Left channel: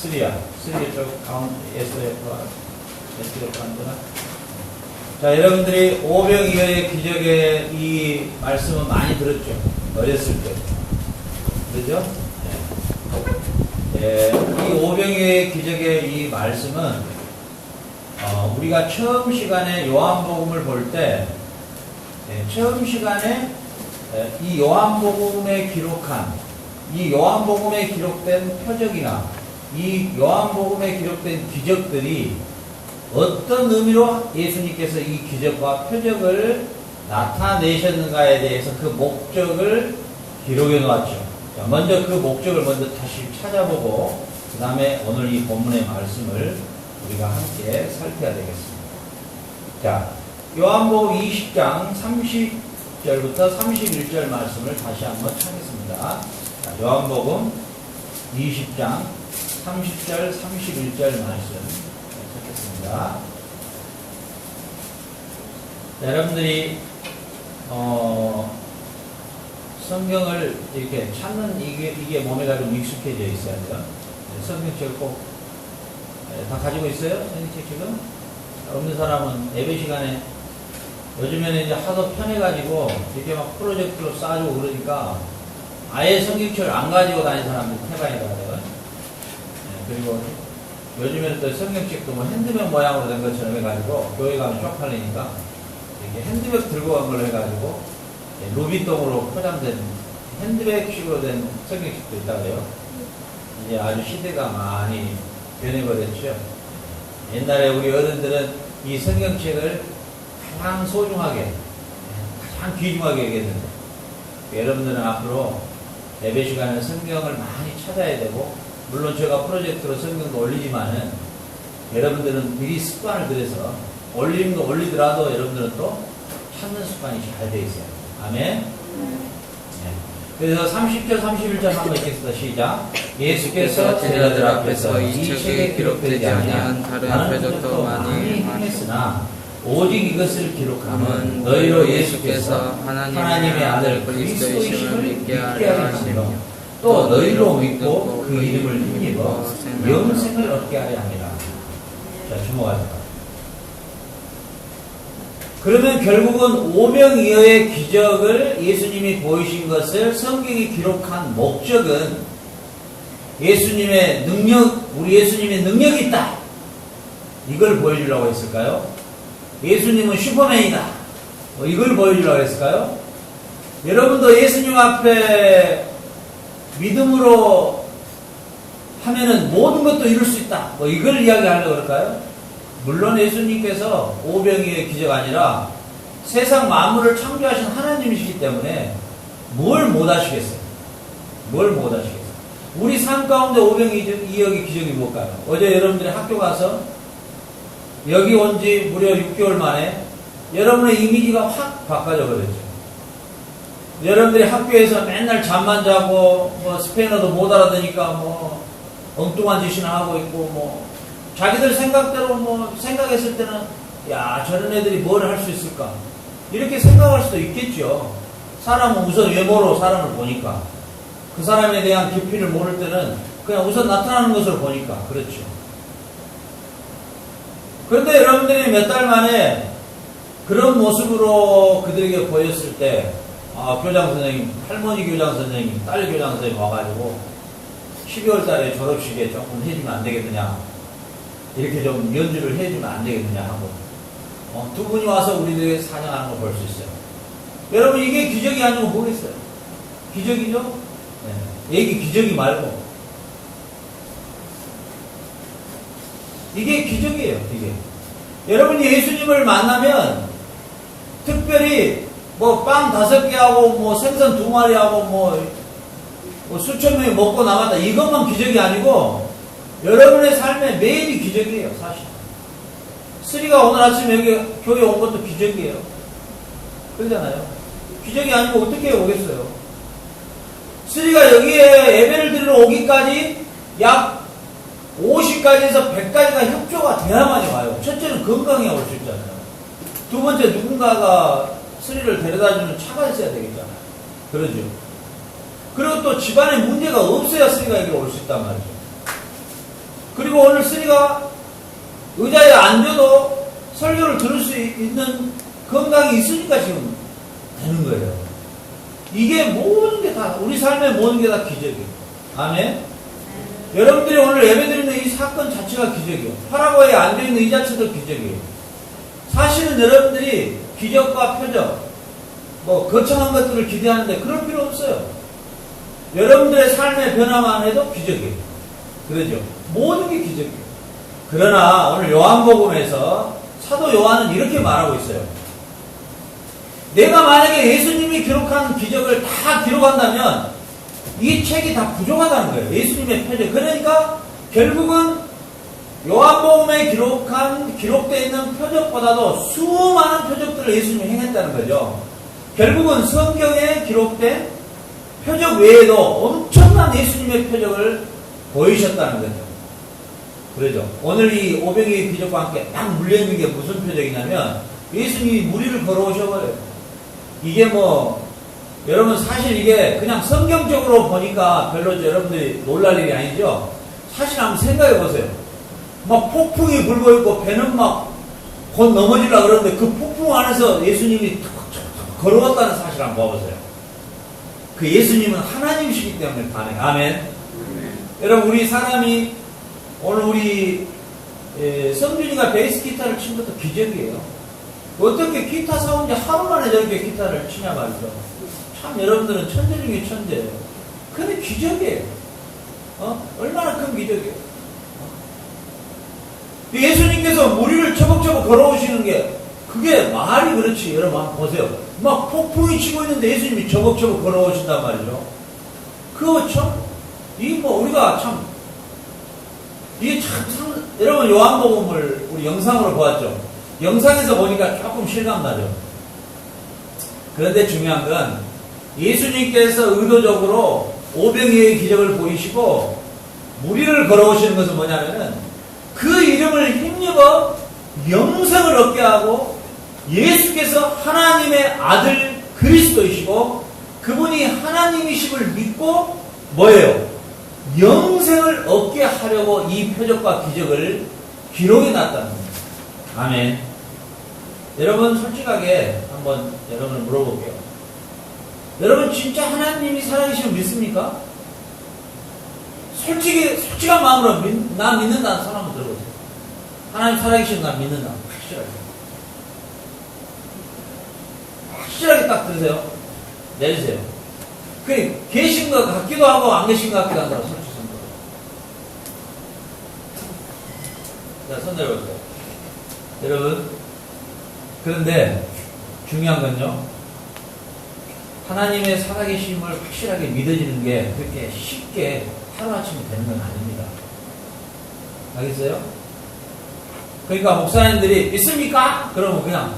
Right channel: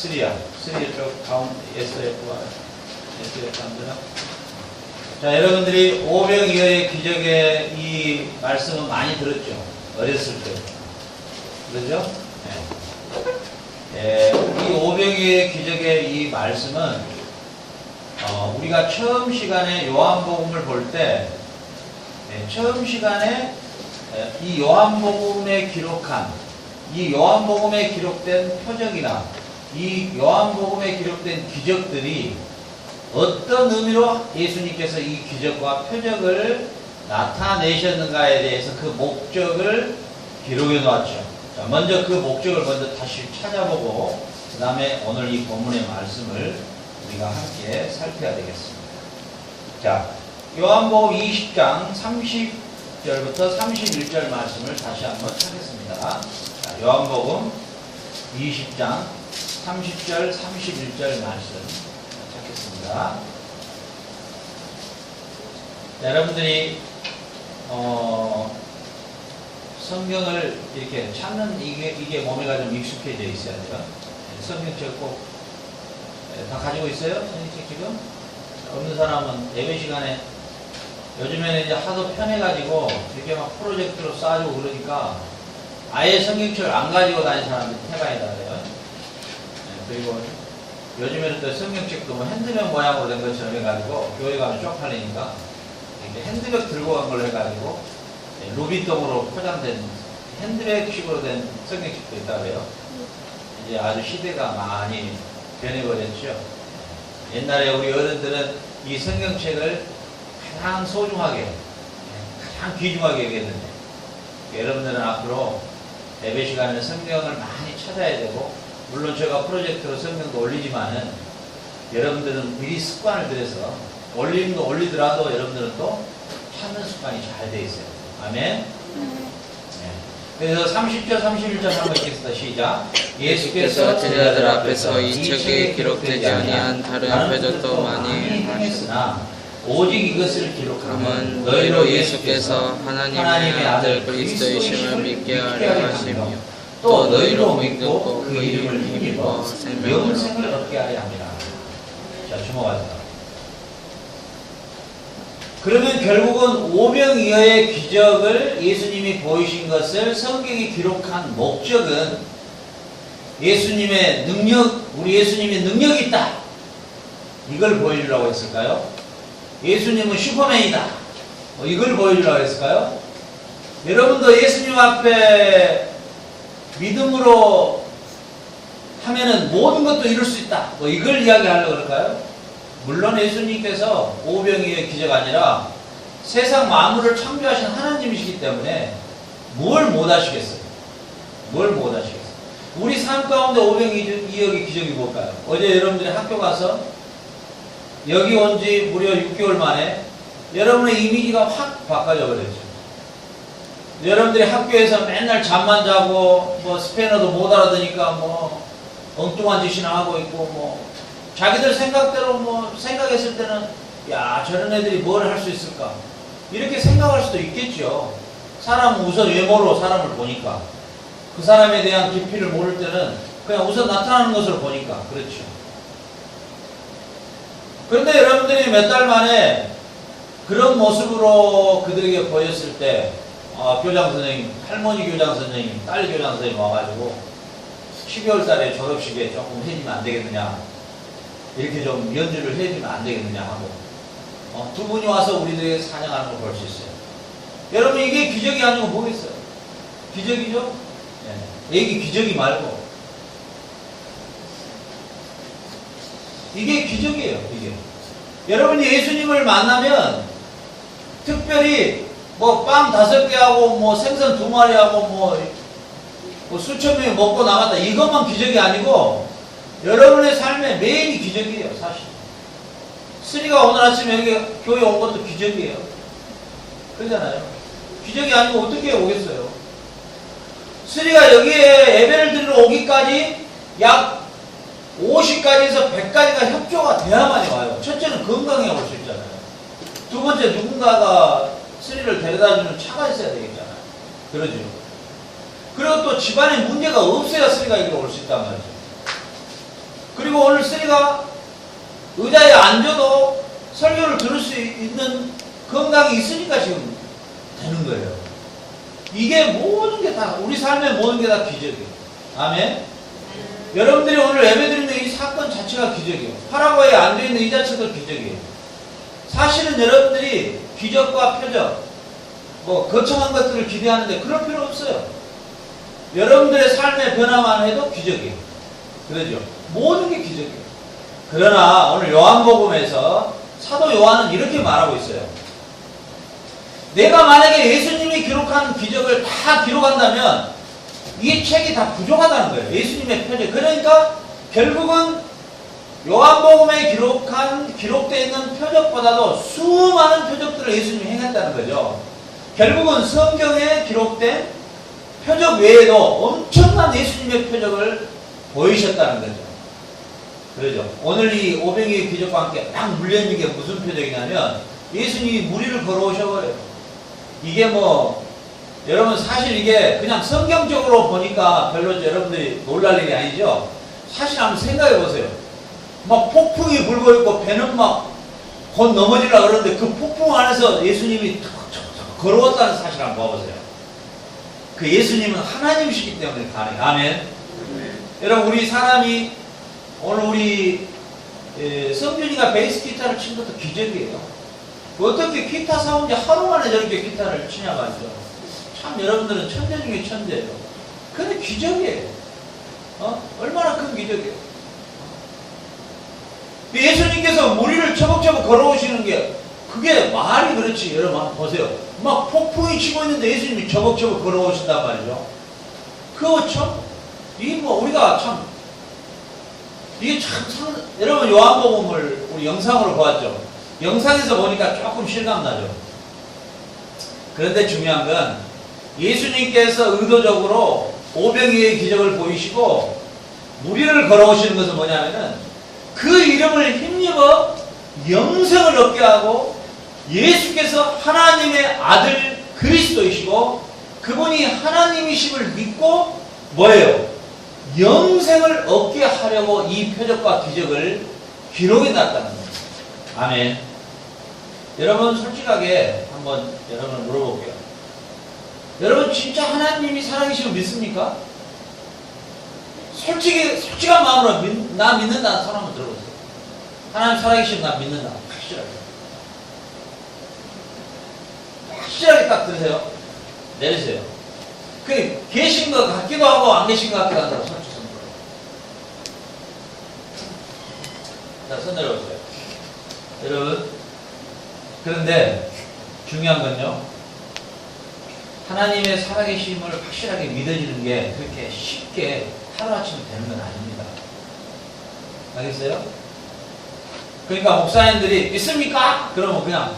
쓰리야 쪽 가운데 SF와 SF 안 되나? 자, 여러분들이 오병이어의 기적의 이 말씀은 많이 들었죠? 어렸을 때. 그러죠? 네. 이 오병이어의 기적의 이 말씀은 우리가 처음 시간에 요한복음을 볼 때 처음 시간에 이 요한복음에 기록한 이 요한복음에 기록된 표적이나 이 요한복음에 기록된 기적들이 어떤 의미로 예수님께서 이 기적과 표적을 나타내셨는가에 대해서 그 목적을 기록해 놓았죠. 자, 먼저 그 목적을 먼저 다시 찾아보고 그 다음에 오늘 이 본문의 말씀을 우리가 함께 살펴야 되겠습니다. 자, 요한복음 20장 30절부터 31절 말씀을 다시 한번 찾겠습니다. 자, 요한복음 20장 30절 31절 말씀 찾겠습니다. 자, 여러분들이 성경을 이렇게 찾는 이게 몸에가 좀 익숙해져 있어야 돼요. 성경책 꼭 다 가지고 있어요? 성경책 지금? 없는 사람은 예배 시간에 요즘에는 이제 하도 편해가지고 이렇게 막 프로젝트로 쏴주고 그러니까 아예 성경책을 안 가지고 다니는 사람들이 태반이라 그래요. 그리고 요즘에는 또 성경책도 뭐 핸드백 모양으로 된 것처럼 해가지고 교회 가면 쪽팔리니까 이렇게 핸드백 들고 간 걸로 해가지고 루비통으로 포장된 핸드백식으로 된 성경책도 있다 그래요. 이제 아주 시대가 많이 변해버렸죠. 옛날에 우리 어른들은 이 성경책을 가장 소중하게, 가장 귀중하게 여겼는데, 여러분들은 앞으로 예배 시간에 성경을 많이 찾아야 되고, 물론 제가 프로젝트로 성경도 올리지만은, 여러분들은 미리 습관을 들여서, 올리는 거 올리더라도 여러분들은 또 찾는 습관이 잘 돼 있어요. 아멘? 그래서 30절, 31절 한번 읽겠습니다. 시작. 예수께서 제자들 앞에서 이 책에 기록되지 아니한 다른 표적도 많이 하셨으나 오직 이것을 기록하면 너희로 예수께서 하나님의 아들 그리스도이심을 믿게 하려 하시며 또 너희로 믿고 그 이름을 힘입어 영생을 얻게 하려 합니다. 자, 주목하자. 그러면 결국은 오병이어의 기적을 예수님이 보이신 것을 성경이 기록한 목적은 예수님의 능력, 우리 예수님의 능력이 있다. 이걸 보여주려고 했을까요? 예수님은 슈퍼맨이다. 이걸 보여주려고 했을까요? 여러분도 예수님 앞에 믿음으로 하면은 모든 것도 이룰 수 있다. 이걸 이야기하려고 그럴까요? 물론 예수님께서 오병이어의 기적 아니라 세상 만물을 창조하신 하나님이시기 때문에 뭘 못하시겠어요? 뭘 못하시겠어요? 우리 삶 가운데 오병이어의 기적이 뭘까요? 어제 여러분들이 학교 가서 여기 온 지 무려 6개월 만에 여러분의 이미지가 확 바꿔져 버렸죠. 여러분들이 학교에서 맨날 잠만 자고 뭐 스페인어도 못 알아듣으니까 뭐 엉뚱한 짓이나 하고 있고 뭐 자기들 생각대로 뭐 생각했을 때는 야 저런 애들이 뭘 할 수 있을까 이렇게 생각할 수도 있겠죠. 사람은 우선 외모로 사람을 보니까 그 사람에 대한 깊이를 모를 때는 그냥 우선 나타나는 것을 보니까 그렇죠. 그런데 여러분들이 몇 달 만에 그런 모습으로 그들에게 보였을 때 교장 선생님, 할머니 교장 선생님, 딸 교장 선생님 와가지고 12월 달에 졸업식에 조금 해주면 안 되겠느냐 이렇게 좀 연주를 해주면 안 되겠느냐 하고 두 분이 와서 우리들에게 찬양하는 걸 볼 수 있어요. 여러분 이게 기적이 아니고 뭐겠어요? 기적이죠? 네. 이게 기적이 말고 이게 기적이에요. 이게 여러분이 예수님을 만나면 특별히 뭐 빵 5개 하고 뭐 생선 2마리 하고 뭐 수천 명이 먹고 나갔다 이것만 기적이 아니고 여러분의 삶의 매일이 기적이에요. 사실 쓰리가 오늘 아침에 여기 교회 온 것도 기적이에요. 그러잖아요. 기적이 아니고 어떻게 오겠어요? 쓰리가 여기에 예배를 드리러 오기까지 약 50가지에서 100가지가 협조가 돼야만이 와요. 첫째는 건강해야 올 수 있잖아요. 두 번째 누군가가 쓰리를 데려다주는 차가 있어야 되겠잖아요. 그러죠. 그리고 또 집안에 문제가 없어야 쓰리가 여기로 올 수 있단 말이죠. 그리고 오늘 쓰리가 의자에 앉아도 설교를 들을 수 있는 건강이 있으니까 지금 되는 거예요. 이게 모든 게 다, 우리 삶의 모든 게 다 기적이에요. 아멘. 여러분들이 오늘 예배드리는 이 사건 자체가 기적이에요. 파라과이에 앉아있는 이 자체도 기적이에요. 사실은 여러분들이 기적과 표적, 거창한 것들을 기대하는데 그럴 필요 없어요. 여러분들의 삶의 변화만 해도 기적이에요. 그러죠? 모든 게 기적이에요. 그러나 오늘 요한복음에서 사도 요한은 이렇게 말하고 있어요. 내가 만약에 예수님이 기록한 기적을 다 기록한다면 이 책이 다 부족하다는 거예요. 예수님의 표적. 그러니까 결국은 요한복음에 기록되어 있는 표적보다도 수많은 표적들을 예수님이 행했다는 거죠. 결국은 성경에 기록된 표적 외에도 엄청난 예수님의 표적을 보이셨다는 거죠. 그러죠. 오늘 이 오병이의 기적과 함께 딱 물려있는 게 무슨 표적이냐면 예수님이 무리를 걸어오셔버려요. 이게 여러분 사실 이게 그냥 성경적으로 보니까 별로 여러분들이 놀랄 일이 아니죠. 사실 한번 생각해 보세요. 막 폭풍이 불고 있고 배는 막 곧 넘어지려고 그러는데 그 폭풍 안에서 예수님이 걸어왔다는 사실 한번 봐보세요. 그 예수님은 하나님이시기 때문에 가능해요. 아멘. 여러분 우리 사람이 오늘 우리 성준이가 베이스 기타를 친 것도 기적이에요. 어떻게 기타 사온 지 하루 만에 저렇게 기타를 치냐 말이죠. 참 여러분들은 천재 중에 천재예요. 근데 기적이에요. 얼마나 큰 기적이에요. 예수님께서 무리를 처벅처벅 걸어오시는 게 그게 말이 그렇지. 여러분 한번 보세요. 막 폭풍이 치고 있는데 예수님이 처벅처벅 걸어오신단 말이죠. 그거 참 우리가 참 이게 여러분 요한복음을 우리 영상으로 보았죠. 영상에서 보니까 조금 실감나죠. 그런데 중요한 건 예수님께서 의도적으로 오병이의 기적을 보이시고 무리를 걸어오시는 것은 뭐냐면은 그 이름을 힘입어 영생을 얻게 하고 예수께서 하나님의 아들 그리스도이시고 그분이 하나님이심을 믿고 뭐예요? 영생을 얻게 하려고 이 표적과 기적을 기록해 놨다는 거예요. 아멘. 여러분 솔직하게 한번 여러분을 물어볼게요. 여러분 진짜 하나님이 살아계시면 믿습니까? 솔직한 마음으로 나 믿는다는 손 한번 들어보세요. 하나님 살아계시면 나 믿는다. 확실하게 딱 들으세요. 내리세요. 그 계신 것 같기도 하고 안 계신 것 같기도 한다고 손 들어. 자, 손 내려보세요. 여러분 그런데 중요한 건요. 하나님의 살아계심을 확실하게 믿어지는 게 그렇게 쉽게 하루아침에 되는 건 아닙니다. 알겠어요? 그러니까 목사님들이 믿습니까? 그러면 그냥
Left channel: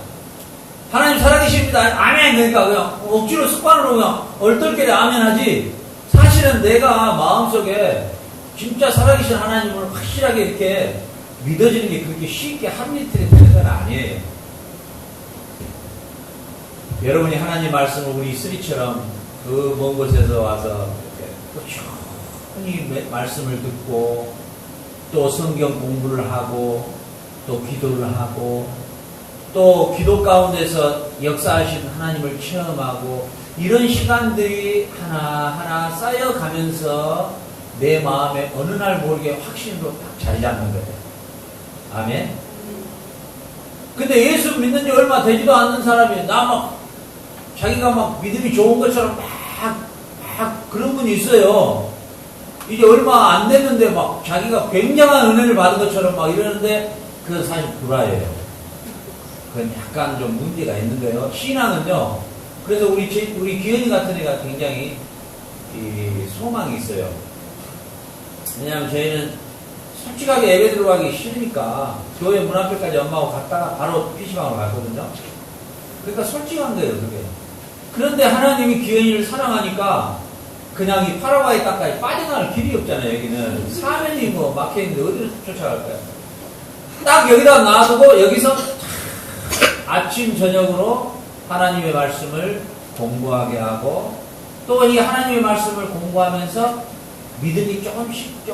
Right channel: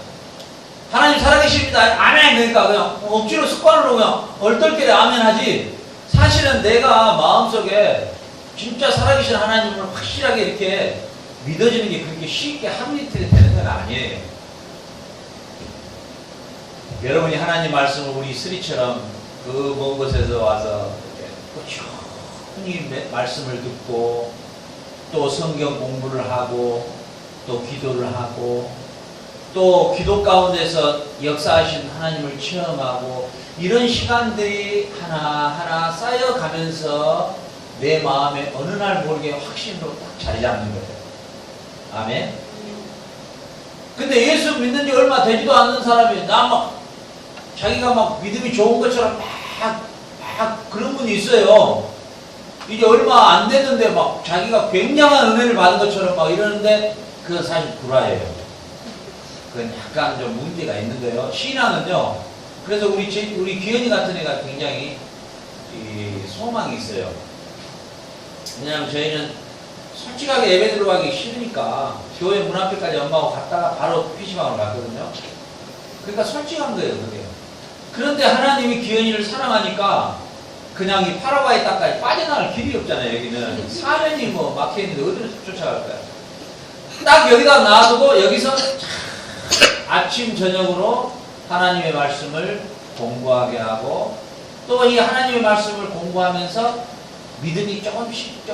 하나님 살아계십니다. 아멘. 그러니까 그냥 억지로 습관으로 그냥 얼떨결에 아멘 하지. 사실은 내가 마음속에 진짜 살아계신 하나님을 확실하게 이렇게 믿어지는 게 그렇게 쉽게 하루 이틀에 되는 건 아니에요. 여러분이 하나님 말씀을 우리 쓰리처럼 그 먼 곳에서 와서 이렇게 꾸준히 말씀을 듣고 또 성경 공부를 하고 또 기도를 하고 또 기도 가운데서 역사하신 하나님을 체험하고 이런 시간들이 하나하나 쌓여가면서 내 마음에 어느 날 모르게 확신으로 딱 자리 잡는 거예요. 아멘. 근데 예수 믿는 지 얼마 되지도 않는 사람이 자기가 막 믿음이 좋은 것처럼 막 그런 분이 있어요. 이제 얼마 안 됐는데 막 자기가 굉장한 은혜를 받은 것처럼 막 이러는데 그건 사실 불화예요. 그건 약간 좀 문제가 있는 거예요. 신앙은요. 그래서 우리 기현이 같은 애가 굉장히 소망이 있어요. 왜냐하면 저희는 솔직하게 예배 들어가기 싫으니까 교회 문 앞에까지 엄마하고 갔다가 바로 PC방으로 갔거든요. 그러니까 솔직한 거예요, 그게. 그런데 하나님이 기현이를 사랑하니까 그냥 이 파라과이 땅까지 빠져나갈 길이 없잖아요, 여기는. 사면이 막혀있는데 어디로 쫓아갈 거야. 딱 여기다 놔두고 여기서 아침, 저녁으로 하나님의 말씀을 공부하게 하고 또 이 하나님의 말씀을 공부하면서 믿음이 조금씩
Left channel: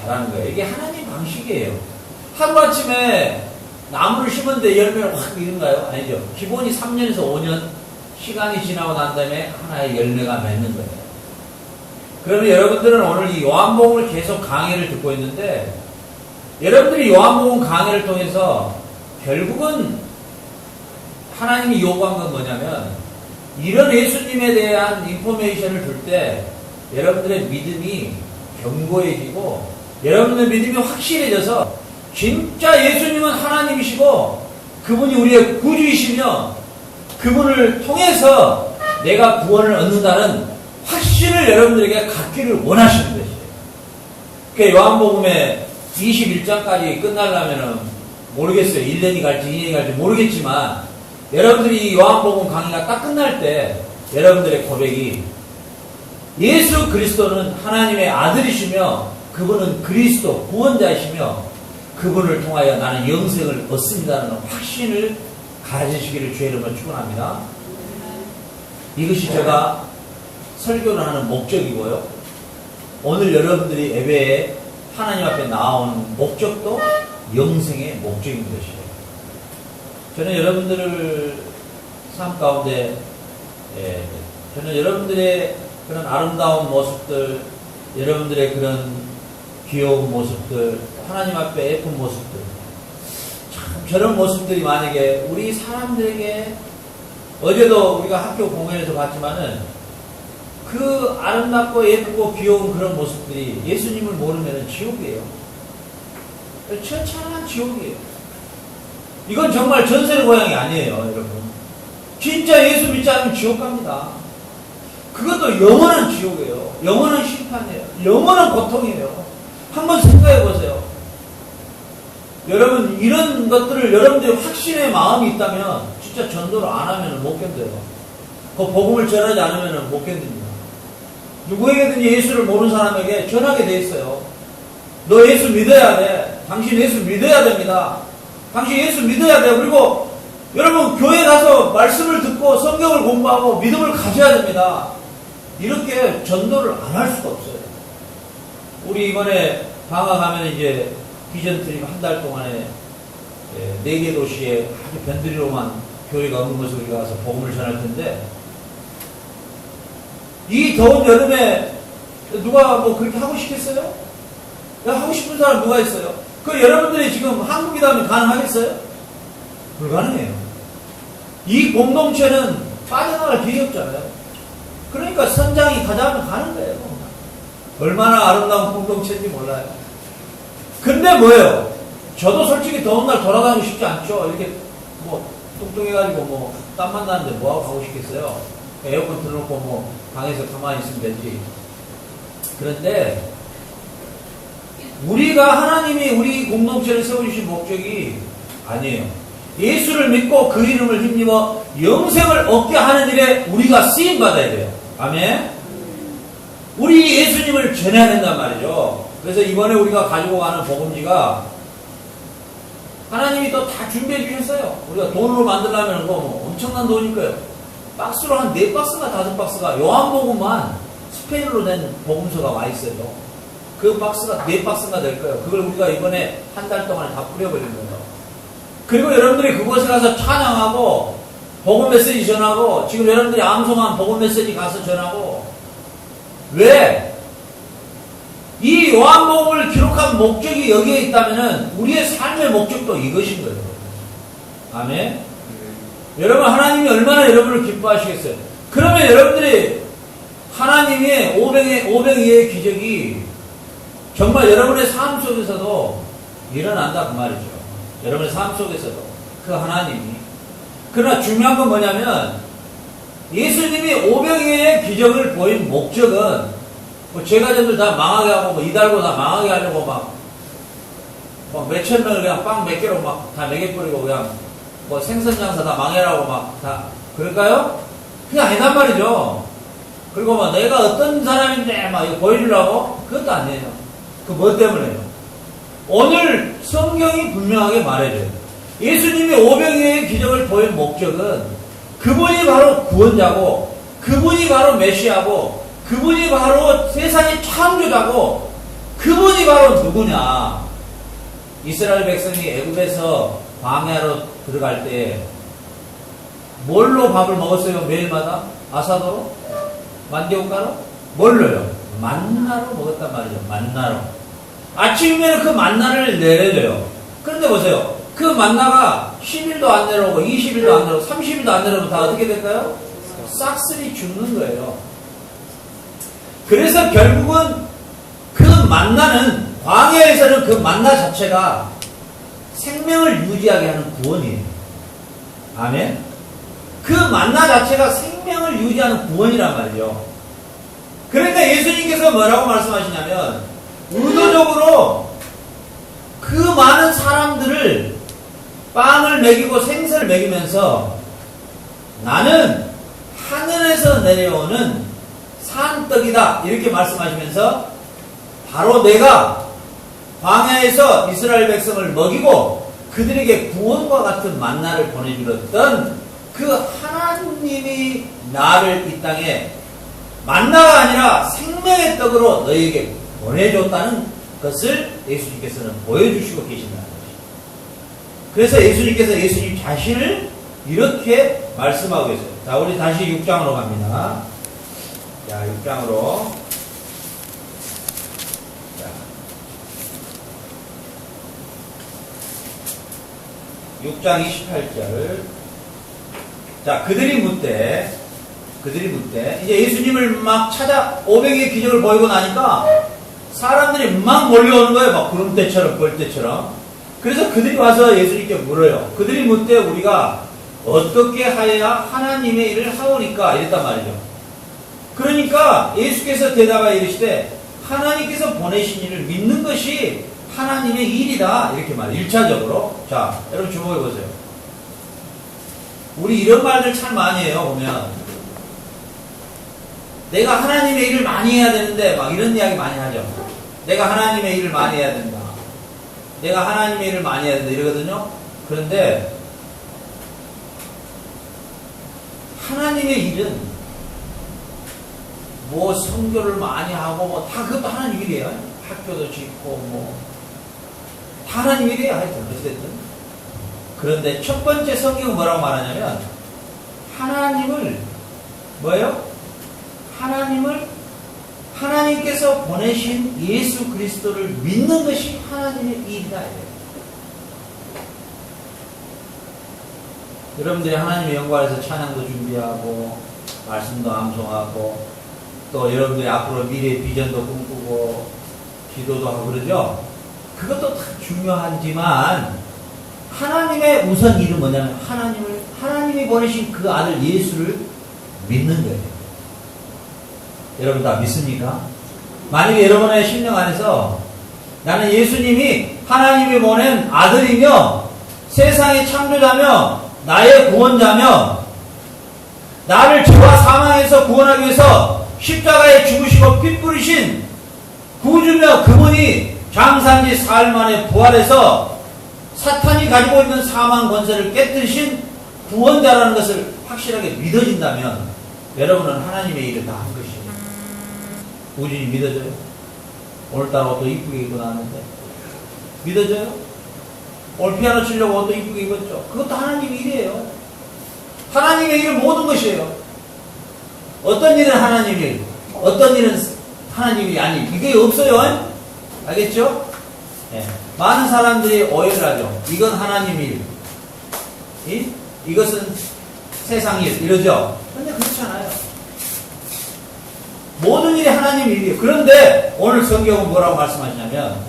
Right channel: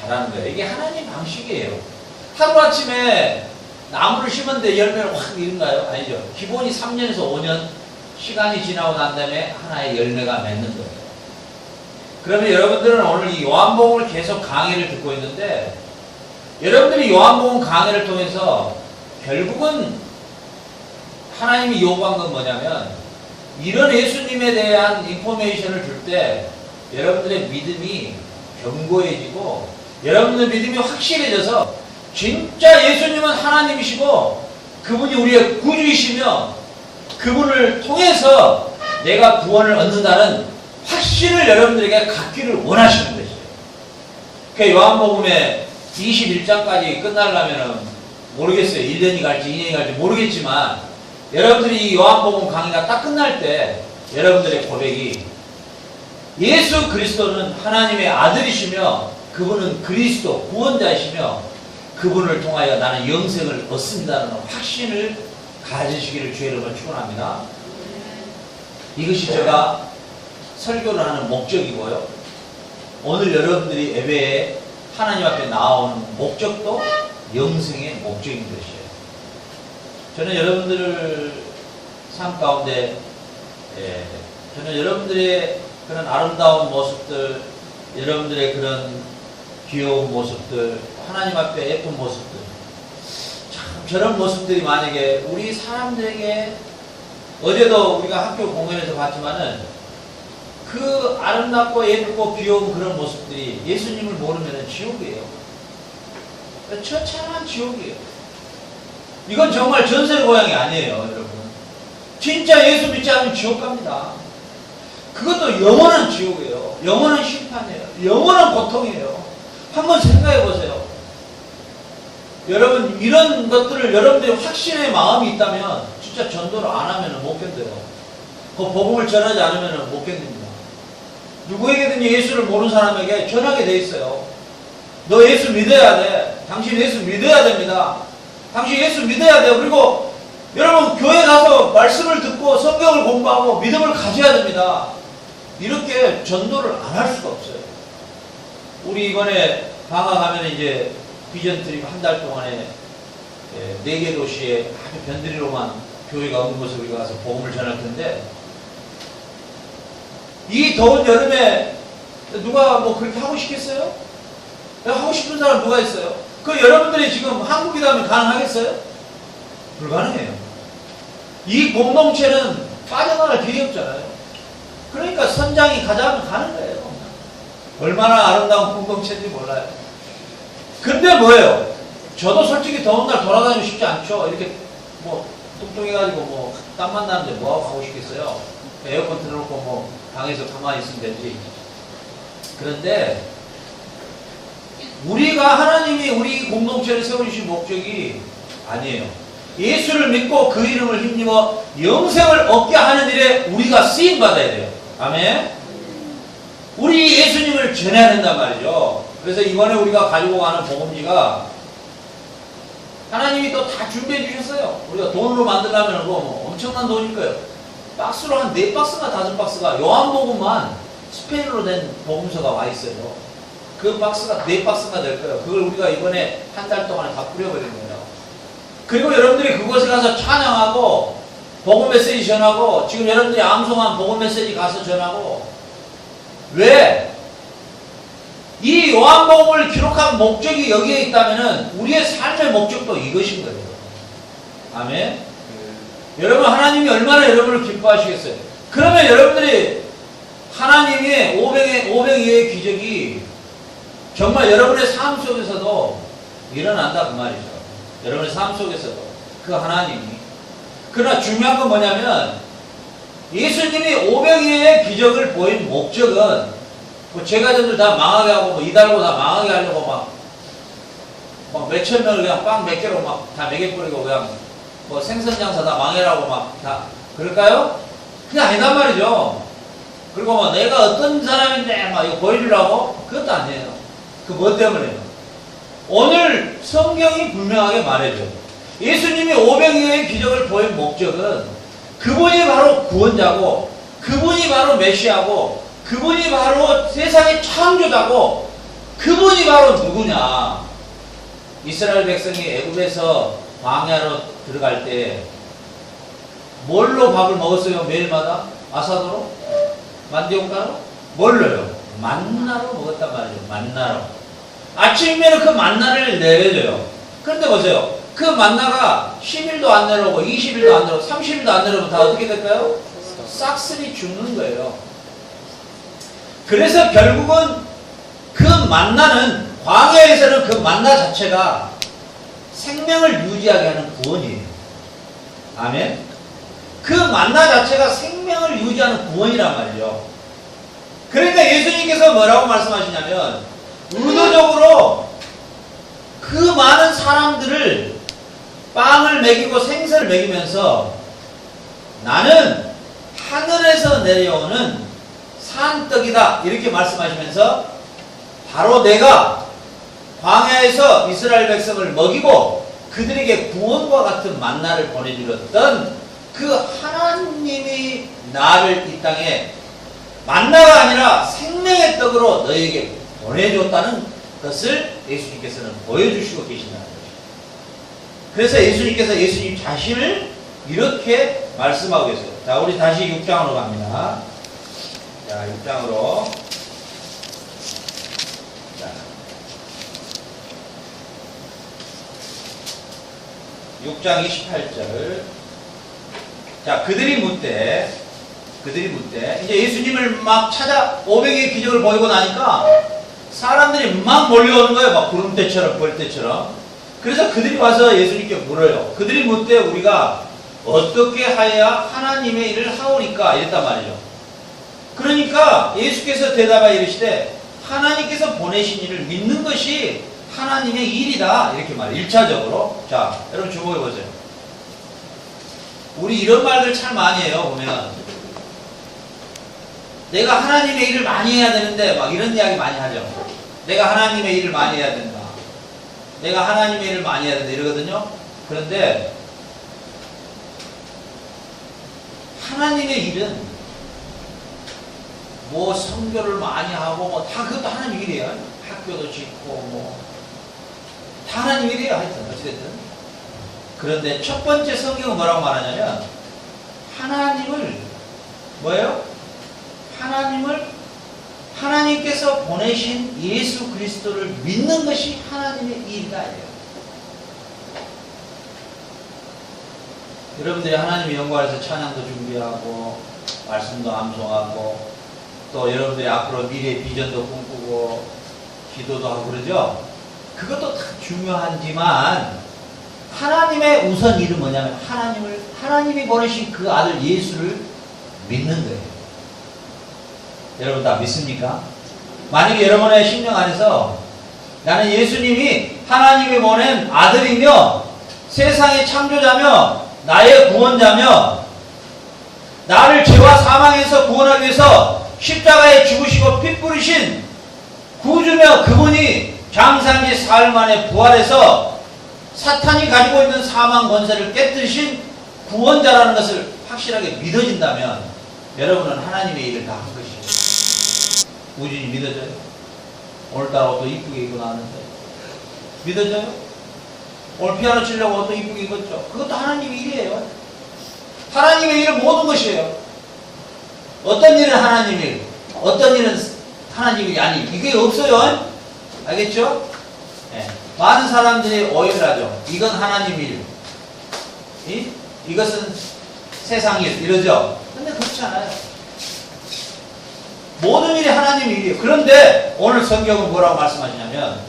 자라는 거예요. 이게 하나님 방식이에요. 하루아침에 나무를 심었는데 열매를 확 이른가요? 아니죠. 기본이 3년에서 5년 시간이 지나고 난 다음에 하나의 열매가 맺는 거예요. 그러면 여러분들은 오늘 이 요한복음을 계속 강의를 듣고 있는데, 여러분들이 요한복음 강의를 통해서 결국은 하나님이 요구한 건 뭐냐면, 이런 예수님에 대한 인포메이션을 줄 때 여러분들의 믿음이 견고해지고 여러분들의 믿음이 확실해져서 진짜 예수님은 하나님이시고 그분이 우리의 구주이시며 그분을 통해서 내가 구원을 얻는다는 확신을 여러분들에게 갖기를 원하시는 것이에요. 그 요한복음의 21장까지 끝나려면은 모르겠어요. 1년이 갈지 2년이 갈지 모르겠지만, 여러분들이 이 요한복음 강의가 딱 끝날 때 여러분들의 고백이 예수 그리스도는 하나님의 아들이시며 그분은 그리스도 구원자이시며 그분을 통하여 나는 영생을 얻습니다라는 확신을 가지시기를 주의 이름으로 축원합니다. 이것이 제가 설교를 하는 목적이고요. 오늘 여러분들이 예배에 하나님 앞에 나오는 목적도 영생의 목적인 것이에요. 저는 여러분들을 삶 가운데 저는 여러분들의 그런 아름다운 모습들, 여러분들의 그런 귀여운 모습들, 하나님 앞에 예쁜 모습들, 참 저런 모습들이 만약에 우리 사람들에게, 어제도 우리가 학교 공연에서 봤지만은 그 아름답고 예쁘고 귀여운 그런 모습들이 예수님을 모르면 지옥이에요. 처참한 지옥이에요. 이건 정말 전설의 고향이 아니에요, 여러분. 진짜 예수 믿지 않으면 지옥 갑니다. 그것도 영원한 지옥이에요. 영원한 심판이에요. 영원한 고통이에요. 한번 생각해 보세요. 여러분, 이런 것들을 여러분들이 확신의 마음이 있다면 진짜 전도를 안 하면 못 견뎌요. 그 복음을 전하지 않으면 못 견딥니다. 누구에게든지 예수를 모르는 사람에게 전하게 돼 있어요. 너 예수 믿어야 돼. 당신 예수 믿어야 됩니다. 당신 예수 믿어야 돼요. 그리고 여러분, 교회 가서 말씀을 듣고 성경을 공부하고 믿음을 가져야 됩니다. 이렇게 전도를 안 할 수가 없어요. 우리 이번에 방학하면 이제 비전 트립 한 달 동안에 4개 도시에 아주 변두리로만 교회가 없는 곳에 우리가 가서 복음을 전할 텐데, 이 더운 여름에 누가 뭐 그렇게 하고 싶겠어요? 하고 싶은 사람 누가 있어요? 그 여러분들이 지금 한국이다 하면 가능하겠어요? 불가능해요. 이 공동체는 빠져나갈 길이 없잖아요. 그러니까 선장이 가자면 가는 거예요. 얼마나 아름다운 공동체인지 몰라요. 근데 뭐예요? 저도 솔직히 더운 날 돌아다니고 싶지 않죠. 이렇게 뭐 뚱뚱해가지고 뭐 땀만 나는데 뭐하고 가고 싶겠어요? 에어컨 틀어놓고 뭐 방에서 가만히 있으면 되지. 그런데 우리가 하나님이 우리 공동체를 세워주신 목적이 아니에요. 예수를 믿고 그 이름을 힘입어 영생을 얻게 하는 일에 우리가 쓰임받아야 돼요. 아멘? 우리 예수님을 전해야 된단 말이죠. 그래서 이번에 우리가 가지고 가는 복음지가 하나님이 또 다 준비해 주셨어요. 우리가 돈으로 만들려면 뭐 엄청난 돈일 거예요. 박스로 한 4박스가 5박스가 요한복음만 스페인어로 된 복음서가 와 있어요. 그 박스가 4박스가 될 거예요. 그걸 우리가 이번에 한 달 동안에 다 뿌려버릴 거예요. 그리고 여러분들이 그곳에 가서 찬양하고 복음 메시지 전하고, 지금 여러분들이 암송한 복음 메시지 가서 전하고. 왜? 이 요한복음을 기록한 목적이 여기에 있다면은 우리의 삶의 목적도 이것인 거예요. 아멘? 여러분, 하나님이 얼마나 여러분을 기뻐하시겠어요? 그러면 여러분들이 하나님의 오병이의 기적이 정말 여러분의 삶 속에서도 일어난다 그 말이죠. 여러분의 삶 속에서도 그 하나님이. 그러나 중요한 건 뭐냐면, 예수님이 오병이의 기적을 보인 목적은 뭐 제가족들 다 망하게 하고 뭐 이달고 다 망하게 하려고 막 몇천 명을 그냥 빵 몇 개로 막 다 먹여버리고 그냥 뭐 생선 장사 다 망해라고 막 다 그럴까요? 그냥 아니단 말이죠. 그리고 막 내가 어떤 사람인데 막 이거 보여주려고? 그것도 아니에요. 그 뭐 때문에요? 오늘 성경이 분명하게 말해줘요. 예수님이 오병이의 기적을 보인 목적은 그분이 바로 구원자고, 그분이 바로 메시아고, 그분이 바로 세상의 창조자고 그분이 바로 누구냐? 이스라엘 백성이 애굽에서 광야로 들어갈 때 뭘로 밥을 먹었어요? 매일마다? 아사도로? 만디옥가로? 뭘로요? 만나로 먹었단 말이죠. 만나로. 아침이면 그 만나를 내려줘요. 그런데 보세요. 그 만나가 10일도 안 내려오고 20일도 안 내려오고 30일도 안 내려오면 다 어떻게 될까요? 싹쓸이 죽는 거예요. 그래서 결국은 그 만나는 광야에서는 그 만나 자체가 생명을 유지하게 하는 구원이에요. 아멘. 그 만나 자체가 생명을 유지하는 구원이란 말이죠. 그러니까 예수님께서 뭐라고 말씀하시냐면 의도적으로 그 많은 사람들을 빵을 먹이고 생선을 먹이면서 나는 하늘에서 내려오는 산떡이다 이렇게 말씀하시면서 바로 내가 광야에서 이스라엘 백성을 먹이고 그들에게 구원과 같은 만나를 보내주었던 그 하나님이 나를 이 땅에 만나가 아니라 생명의 떡으로 너희에게 보내줬다는 것을 예수님께서는 보여주시고 계신다는 것이죠. 그래서 예수님께서 예수님 자신을 이렇게 말씀하고 계세요. 자, 우리 다시 6장으로 갑니다. 자, 6장으로. 자, 6장 28절. 자, 그들이 묻되 이제 예수님을 막 찾아 500의 기적을 보이고 나니까 사람들이 막 몰려오는 거예요. 막 구름대처럼 벌떼처럼. 그래서 그들이 와서 예수님께 물어요. 그들이 묻되 우리가 어떻게 하여야 하나님의 일을 하오니까 이랬단 말이죠. 그러니까 예수께서 대답하여 이르시되 하나님께서 보내신 일을 믿는 것이 하나님의 일이다 이렇게 말해요. 1차적으로. 자, 여러분 주목해 보세요. 우리 이런 말들 참 많이 해요. 보면 내가 하나님의 일을 많이 해야 되는데 막 이런 이야기 많이 하죠. 내가 하나님의 일을 많이 해야 된다. 내가 하나님의 일을 많이 해야 된다 이러거든요. 그런데 하나님의 일은 뭐 선교를 많이 하고 뭐 다 그것도 하나님 일이에요. 학교도 짓고 뭐 다 하나님 일이에요. 하여튼 어찌됐든. 그런데 첫 번째 성경은 뭐라고 말하냐면 하나님을 뭐예요? 하나님께서 보내신 예수 그리스도를 믿는 것이 하나님의 일이다. 이래요. 여러분들이 하나님의 영광에서 찬양도 준비하고 말씀도 암송하고 또 여러분들이 앞으로 미래의 비전도 꿈꾸고 기도도 하고 그러죠. 그것도 다 중요하지만 하나님의 우선 일은 뭐냐면 하나님이 보내신 그 아들 예수를 믿는 거예요. 여러분 다 믿습니까? 만약에 여러분의 심령 안에서 나는 예수님이 하나님이 보낸 아들이며 세상의 창조자며 나의 구원자며 나를 죄와 사망에서 구원하기 위해서 십자가에 죽으시고 피 뿌리신 구주며 그분이 장사한 지 사흘 만에 부활해서 사탄이 가지고 있는 사망 권세를 깨뜨리신 구원자라는 것을 확실하게 믿어진다면 여러분은 하나님의 일을 다 한 것이에요. 우진이 믿어져요? 오늘따라 옷도 이쁘게 입고 나왔는데 믿어져요? 오늘 피아노 치려고 옷도 이쁘게 입었죠? 그것도 하나님의 일이에요. 하나님의 일은 모든 것이에요. 어떤 일은 하나님 일, 어떤 일은 하나님 일이 아니 이게 없어요. 알겠죠? 네. 많은 사람들이 오해를 하죠. 이건 하나님 일, 이것은 세상 일 이러죠. 근데 그렇지 않아요. 모든 일이 하나님 일이에요. 그런데 오늘 성경은 뭐라고 말씀하시냐면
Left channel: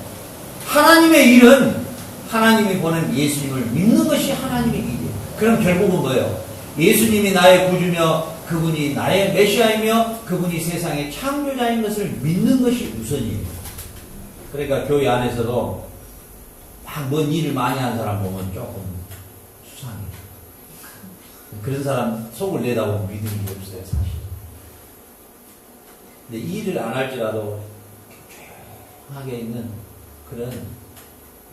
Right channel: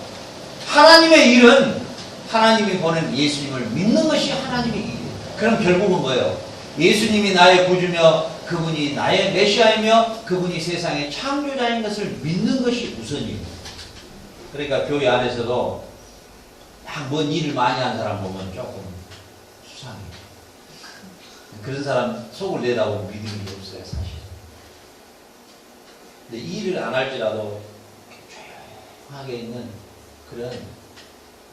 하나님의 일은 하나님이 보낸 예수님을 믿는 것이 하나님의 일이에요. 그럼 결국은 뭐예요? 예수님이 나의 구주며 그분이 나의 메시아이며 그분이 세상의 창조자인 것을 믿는 것이 우선이에요. 그러니까 교회 안에서도 막 뭔 일을 많이 하는 사람 보면 조금 수상해요. 그런 사람 속을 내다보고 믿음이 없어요, 사실. 근데 일을 안 할지라도 조용하게 있는 그런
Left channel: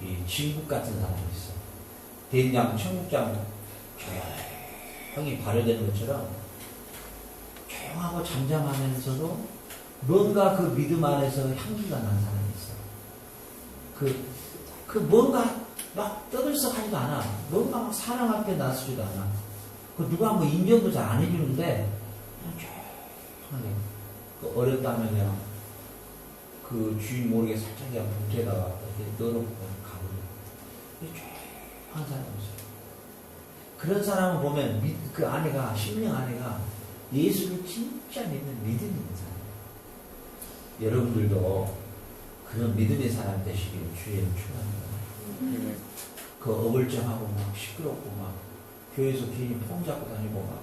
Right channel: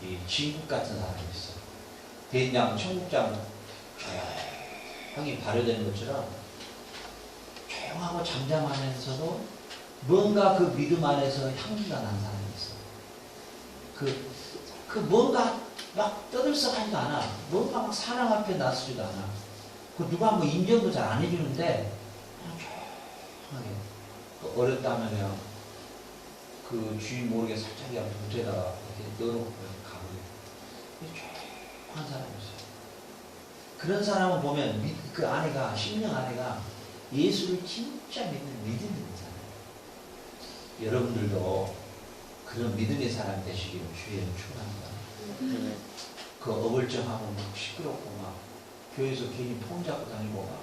이 진국 같은 사람이 있어. 대인장, 청국장 조용히 발효되는 것처럼 조용하고 잠잠하면서도 뭔가 그 믿음 안에서 향기가 난 사람이 있어. 그 뭔가 막 떠들썩하지도 않아. 뭔가 막 사랑 앞에 나서지도 않아. 그 누가 뭐 인정도 잘 안 해주는데 그냥 조용하게 그 어렵다면 그냥 그 주인 모르게 살짝 그냥 봉투에다가 이렇게 넣어놓고 가버려. 조용한 사람이 있어요. 그런 사람을 보면 그 아내가 심령 아내가 예수를 진짜 믿는 믿음 있는 사람. 여러분들도 그런 믿음의 사람 되시길 주의 축원합니다. 그 어불쩡하고 막 시끄럽고 막 교회에서 괜히 폰 잡고 다니고 막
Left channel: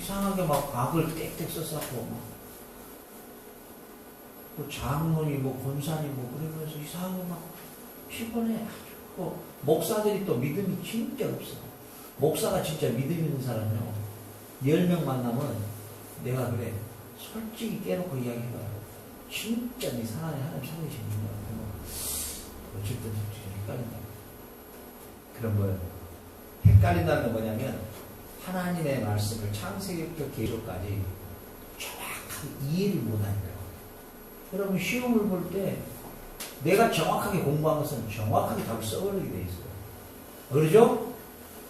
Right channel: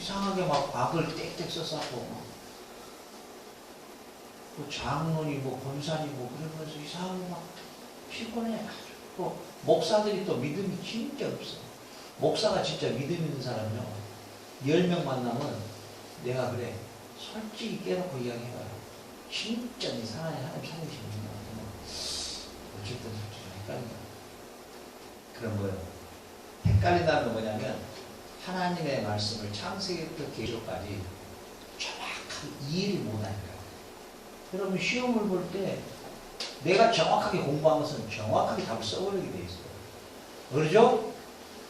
이상하게 막 악을 땡땡 써싸고 막 또 장로니 뭐 권사니 뭐 그러면서 이상하게 막 피곤해. 아주 또 목사들이 또 믿음이 진짜 없어. 목사가 진짜 믿음 있는 사람이요 10명 만나면 내가 그래 솔직히 깨놓고 이야기해봐. 진짜 네 사랑에 하나님 살리시는구나. 어쨌든 솔직히 헷갈린다. 그런 거예요. 헷갈린다는 건 뭐냐면 하나님의 말씀을 창세기부터 계시록까지 정확하게 이해를 못하는 거야. 여러분 시험을 볼 때 내가 정확하게 공부한 것은 정확하게 답을 써버리게 돼 있어요. 그러죠?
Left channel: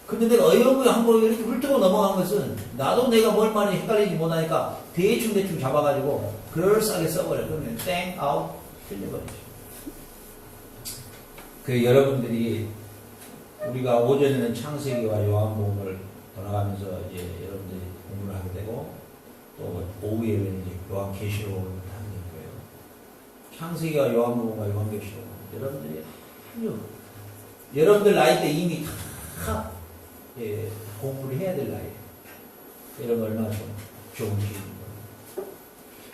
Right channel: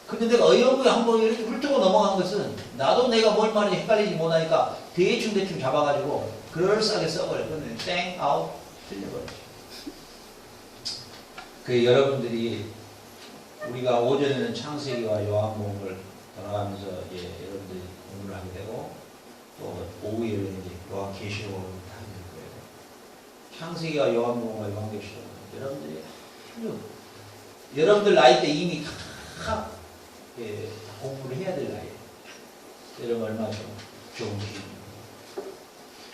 근데 내가 어이없게 한번 이렇게 훑고 넘어간 것은 나도 내가 뭘 말인지 헷갈리지 못하니까 대충 잡아가지고 그럴싸하게 써버려. 그러면 땡 아웃 틀려버리죠. 그 여러분들이 우리가 오전에는 창세기와 요한복음을 돌아가면서 이제 여러분들이 공부를 하게 되고 또 오후에는 이제 요한계시록을 하게 될 거예요. 창세기와 요한복음과 요한계시록 여러분들이 여러분들 나이 때 이미 다 공부를 해야 될 나이에요. 여러분 얼마나 좋은 기회입니다.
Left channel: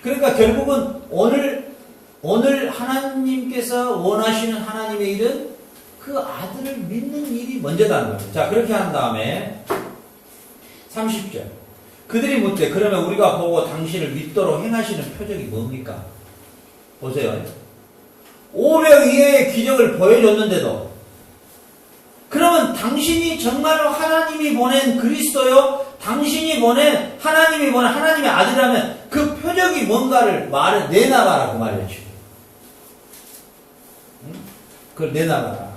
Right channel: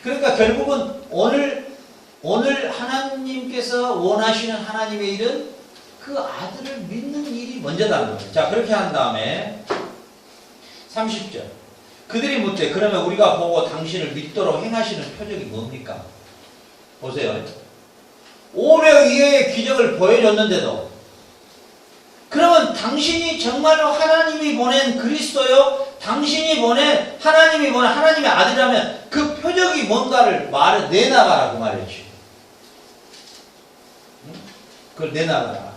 그러니까 결국은 오늘 하나님께서 원하시는 하나님의 일은 그 아들을 믿는 일이 먼저다는 거예요. 자, 그렇게 한 다음에 30절. 그들이 묻되 그러면 우리가 보고 당신을 믿도록 행하시는 표적이 뭡니까? 보세요. 500 이하의 기적을 보여줬는데도 그러면 당신이 정말로 하나님이 보낸 그리스도요? 당신이 보낸 하나님이 보낸 하나님의 아들이라면 그 표적이 뭔가를 내놔봐라 그 말이죠. 응? 그걸 내놔봐라.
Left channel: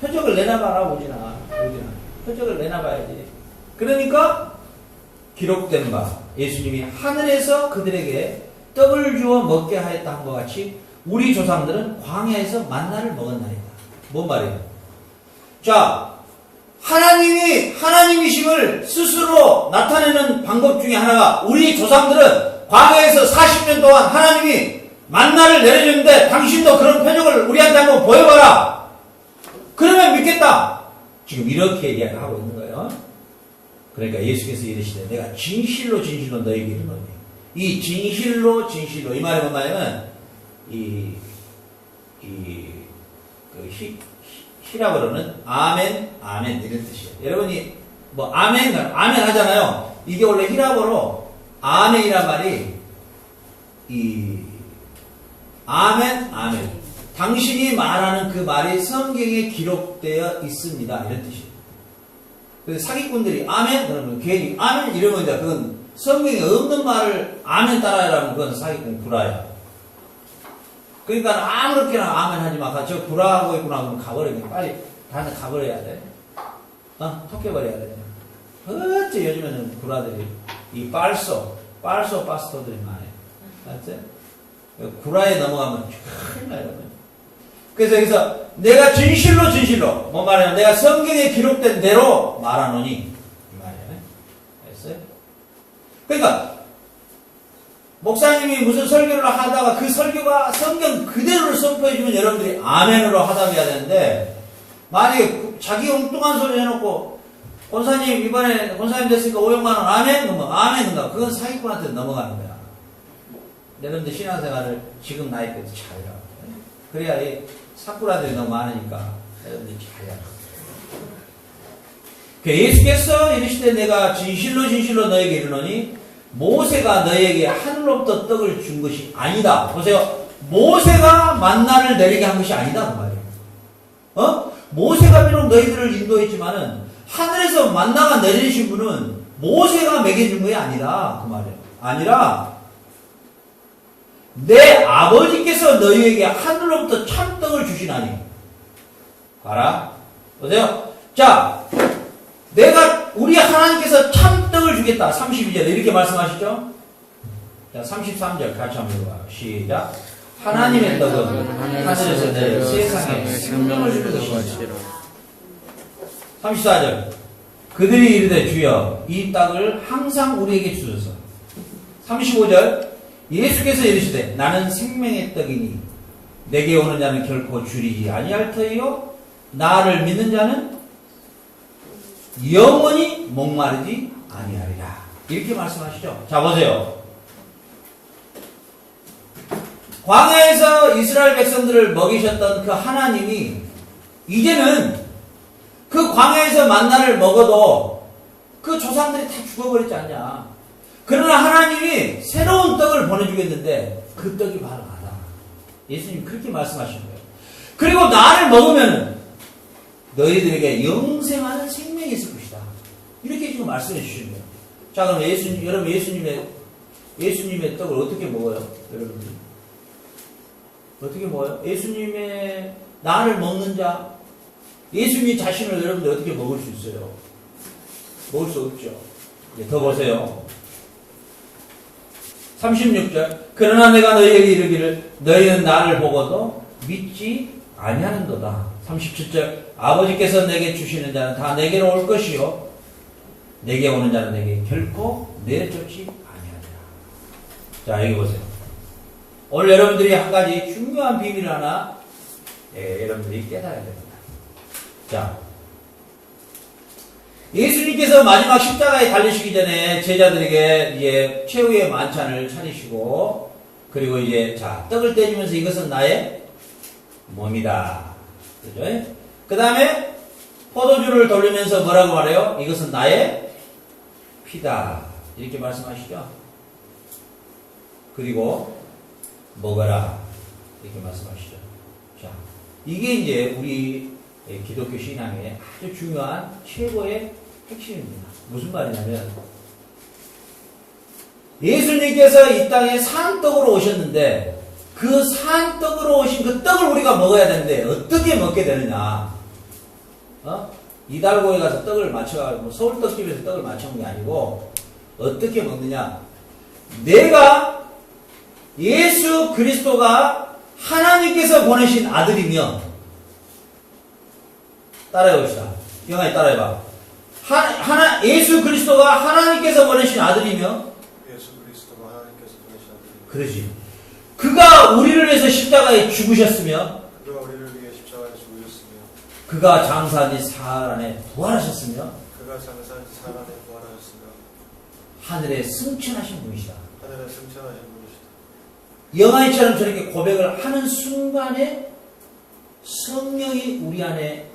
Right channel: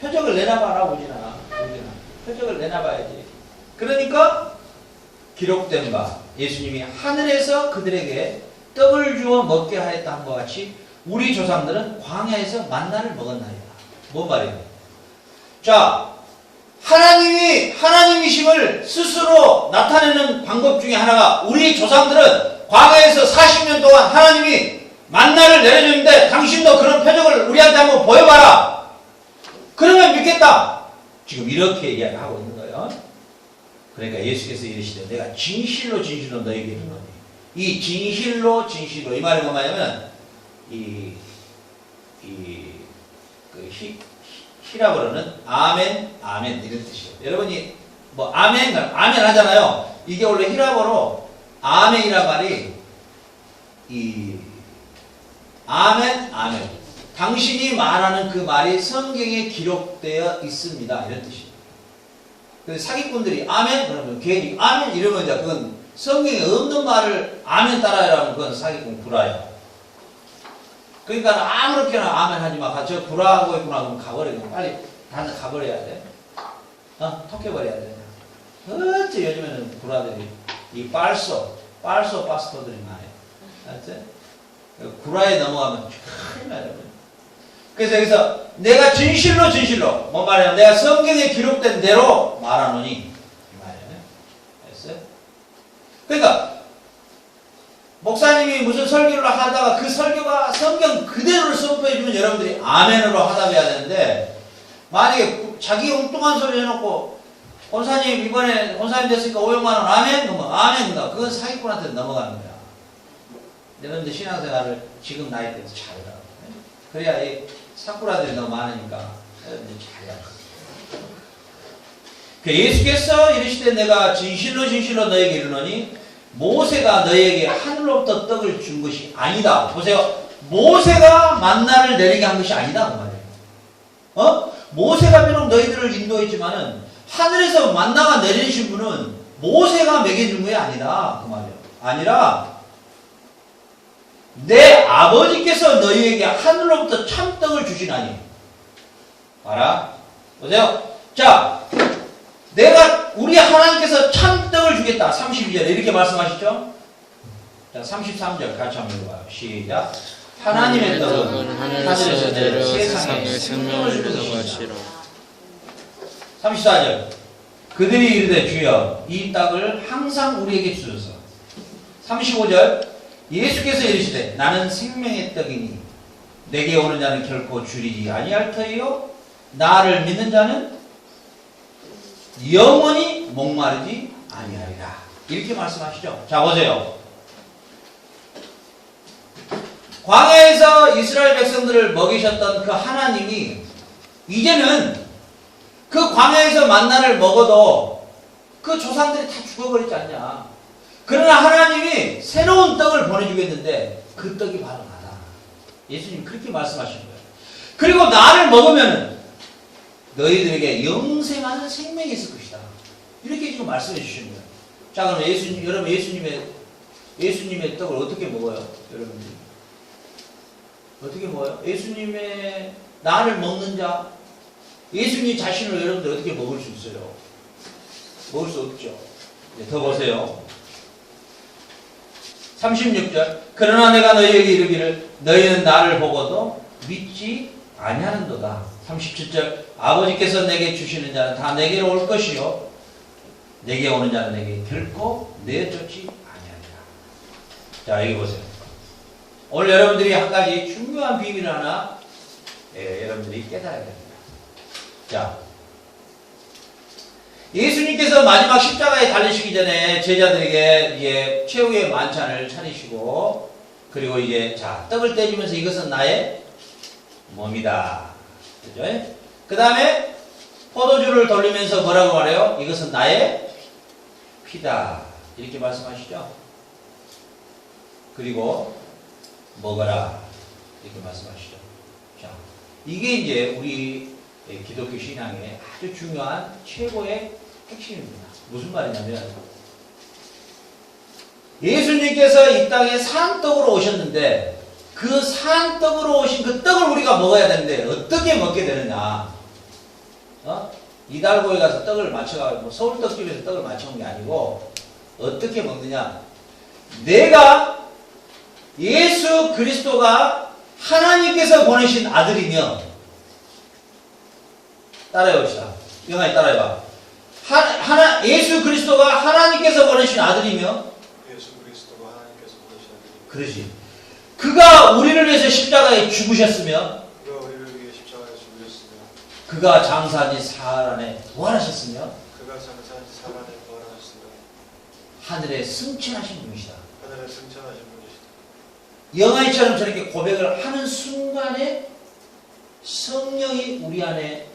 표적을 내놔봐라 오지나. 표적을 내놔봐야지. 그러니까 기록된 바 예수님이 하늘에서 그들에게 떡을 주어 먹게 하였다 한 것 같이 우리 조상들은 광야에서 만나를 먹었나이다. 뭔 말이에요? 자, 하나님이 하나님이심을 스스로 나타내는 방법 중에 하나가 우리 조상들은 광야에서 40년 동안 하나님이 만나를 내려줬는데 당신도 그런 표적을 우리한테 한번 보여봐라. 그러면 믿겠다. 지금 이렇게 이야기하고 있는 거예요. 그러니까 예수께서 이르시되 내가 진실로 너에게 이르노니 이 진실로 이 말이 뭐냐면 히라보로는 아멘 이런 뜻이에요. 여러분이 뭐 아멘 하잖아요. 이게 원래 히라보로 아멘이란 말이 아멘 당신이 말하는 그 말이 성경에 기록되어 있습니다. 이런 뜻이에요. 그래서 사기꾼들이 아멘 그러면 괜히 아멘 이러면 이제 그건 성경에 없는 말을 아멘 따라하라면 그건 사기꾼 구라야. 그러니까 아무렇게나 아멘 하지 마. 저 구라하고 있구나 그러면 가버려. 빨리 다른 데 가버려야 돼. 톡해버려야 돼. 어째 요즘에는 구라들이 이 빨소 파스토들이 많아요. 알았지? 구라에 넘어가면 큰일 나요. 그래서 여기서 내가 진실로 뭔 말이야? 내가 성경에 기록된 대로 말하노니 이 말이에요. 알았어요? 그러니까 목사님이 무슨 설교를 하다가 그 설교가 성경 그대로를 선포해주면 여러분들이 아멘으로 하답해야 되는데 만약에 자기 엉뚱한 소리 해놓고 권사님 이번에 권사님 됐으니까 500만 원 아멘? 아멘인가? 그건 사기꾼한테 넘어가는 거야. 여러분들 신앙생활을 지금 나이 때부터 잘하라고. 그래야 이 사꾸라들이 너무 많으니까 여러분들이 잘하라고. 예수께서 이르시되 내가 진실로 너에게 이르노니 모세가 너에게 하늘로부터 떡을 준 것이 아니다. 보세요. 모세가 만나를 내리게 한 것이 아니다. 그 말이에요. 모세가 비록 너희들을 인도했지만은 하늘에서 만나가 내리신 분은 모세가 먹여준 것이 아니다. 그 말이에요. 아니라 내 아버지께서 너희에게 하늘로부터 참떡을 주시나니. 봐라. 보세요. 자, 우리 하나님께서 참떡을 주겠다. 32절에 이렇게 말씀하시죠. 자, 33절 같이 한번 읽어봐요. 시작. 하나님의 떡은 하늘에서 내려 세상에 생명을 주는 것이라. 34절. 그들이 이르되 주여 이 떡을 항상 우리에게 주소서. 35절. 예수께서 이르시되 나는 생명의 떡이니 내게 오는 자는 결코 줄이지 아니할 터이요 나를 믿는 자는 영원히 목마르지 아니하리라. 이렇게 말씀하시죠. 자, 보세요. 광야에서 이스라엘 백성들을 먹이셨던 그 하나님이 이제는 그 광야에서 만나를 먹어도 그 조상들이 다 죽어버렸지 않냐. 그러나 하나님이 새로운 떡을 보내주겠는데 그 떡이 바로 나다. 예수님 그렇게 말씀하신 거예요. 그리고 나를 먹으면 너희들에게 영생하는 생명이 있을 것이다. 이렇게 지금 말씀해 주시는 거예요. 자, 그럼 여러분 예수님의 떡을 어떻게 먹어요? 여러분들이 어떻게 먹어요? 예수님의 나를 먹는 자, 예수님 자신을 여러분들 어떻게 먹을 수 있어요? 먹을 수 없죠. 네, 더 보세요. 36절. 그러나 내가 너희에게 이르기를 너희는 나를 보고도 믿지 아니하는도다. 37절. 아버지께서 내게 주시는 자는 다 내게로 올 것이요 내게 오는 자는 내게 결코 내쫓지 아니하리라. 자, 여기 보세요. 오늘 여러분들이 한 가지 중요한 비밀을 하나 여러분들이 깨달아야 됩니다. 자, 예수님께서 마지막 십자가에 달리시기 전에 제자들에게 이제 최후의 만찬을 차리시고, 그리고 이제 자, 떡을 떼주면서 이것은 나의 몸이다. 그죠? 그 다음에 포도주를 돌리면서 뭐라고 말해요? 이것은 나의 피다. 이렇게 말씀하시죠? 그리고 먹어라. 이렇게 말씀하시죠. 자, 이게 이제 우리 기독교 신앙의 아주 중요한 최고의 핵심입니다. 무슨 말이냐면 예수님께서 이 땅에 산떡으로 오셨는데 그 산떡으로 오신 그 떡을 우리가 먹어야 되는데 어떻게 먹게 되느냐? 이달고에 가서 떡을 맞춰가지고 서울떡집에서 떡을 맞춰온 게 아니고 어떻게 먹느냐? 내가 예수 그리스도가 하나님께서 보내신 아들이며, 따라해봅시다. 영아이 따라해봐. 예수 그리스도가 하나님께서 보내신 아들이며, 예수 그리스도가 하나님께서 보내신 아들이며, 그러지. 그가 우리를 위해서 십자가에 죽으셨으며, 그가 우리를 위해 십자가에 죽으셨으며, 그가 장사한 지 사흘 안에 부활하셨으며, 그가 장사한 지 사흘 안에 부활하셨으며, 하늘에 승천하신 분이시다. 하늘에 승천하신 분이시다. 영아이처럼 저렇게 고백을 하는 순간에 성령이 우리 안에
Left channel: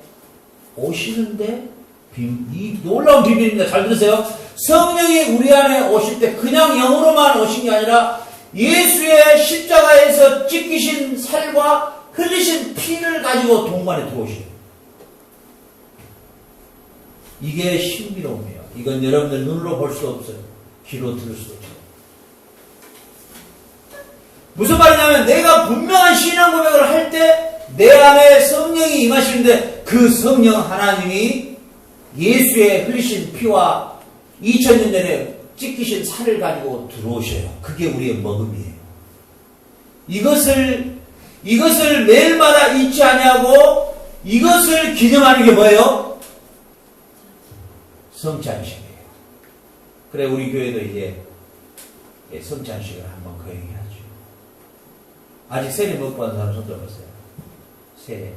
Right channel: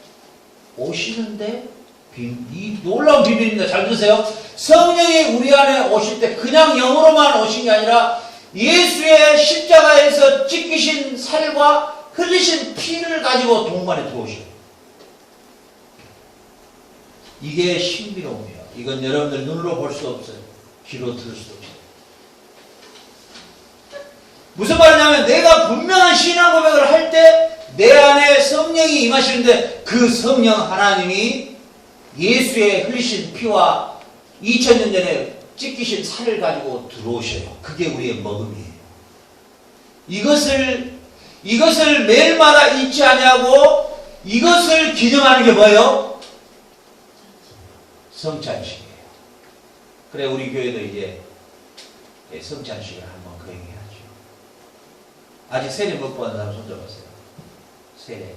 오시는데, 이 놀라운 비밀입니다. 잘 들으세요. 성령이 우리 안에 오실 때 그냥 영으로만 오신 게 아니라 예수의 십자가에서 찢기신 살과 흘리신 피를 가지고 동반에 들어오셔요. 이게 신비로움이에요. 이건 여러분들 눈으로 볼 수 없어요. 귀로 들을 수 없어요. 무슨 말이냐면 내가 분명한 신앙 고백을 할 때 내 안에 성령이 임하시는데 그 성령 하나님이 예수의 흘리신 피와 2000년 전에 찢기신 살을 가지고 들어오셔요. 그게 우리의 먹음이에요. 이것을 매일마다 잊지 아니하고 이것을 기념하는 게 뭐예요? 성찬식이에요. 그래, 우리 교회도 이제 성찬식을 한번 거행해야죠. 아직 세례 못 받은 사람 손 들어보세요. 세례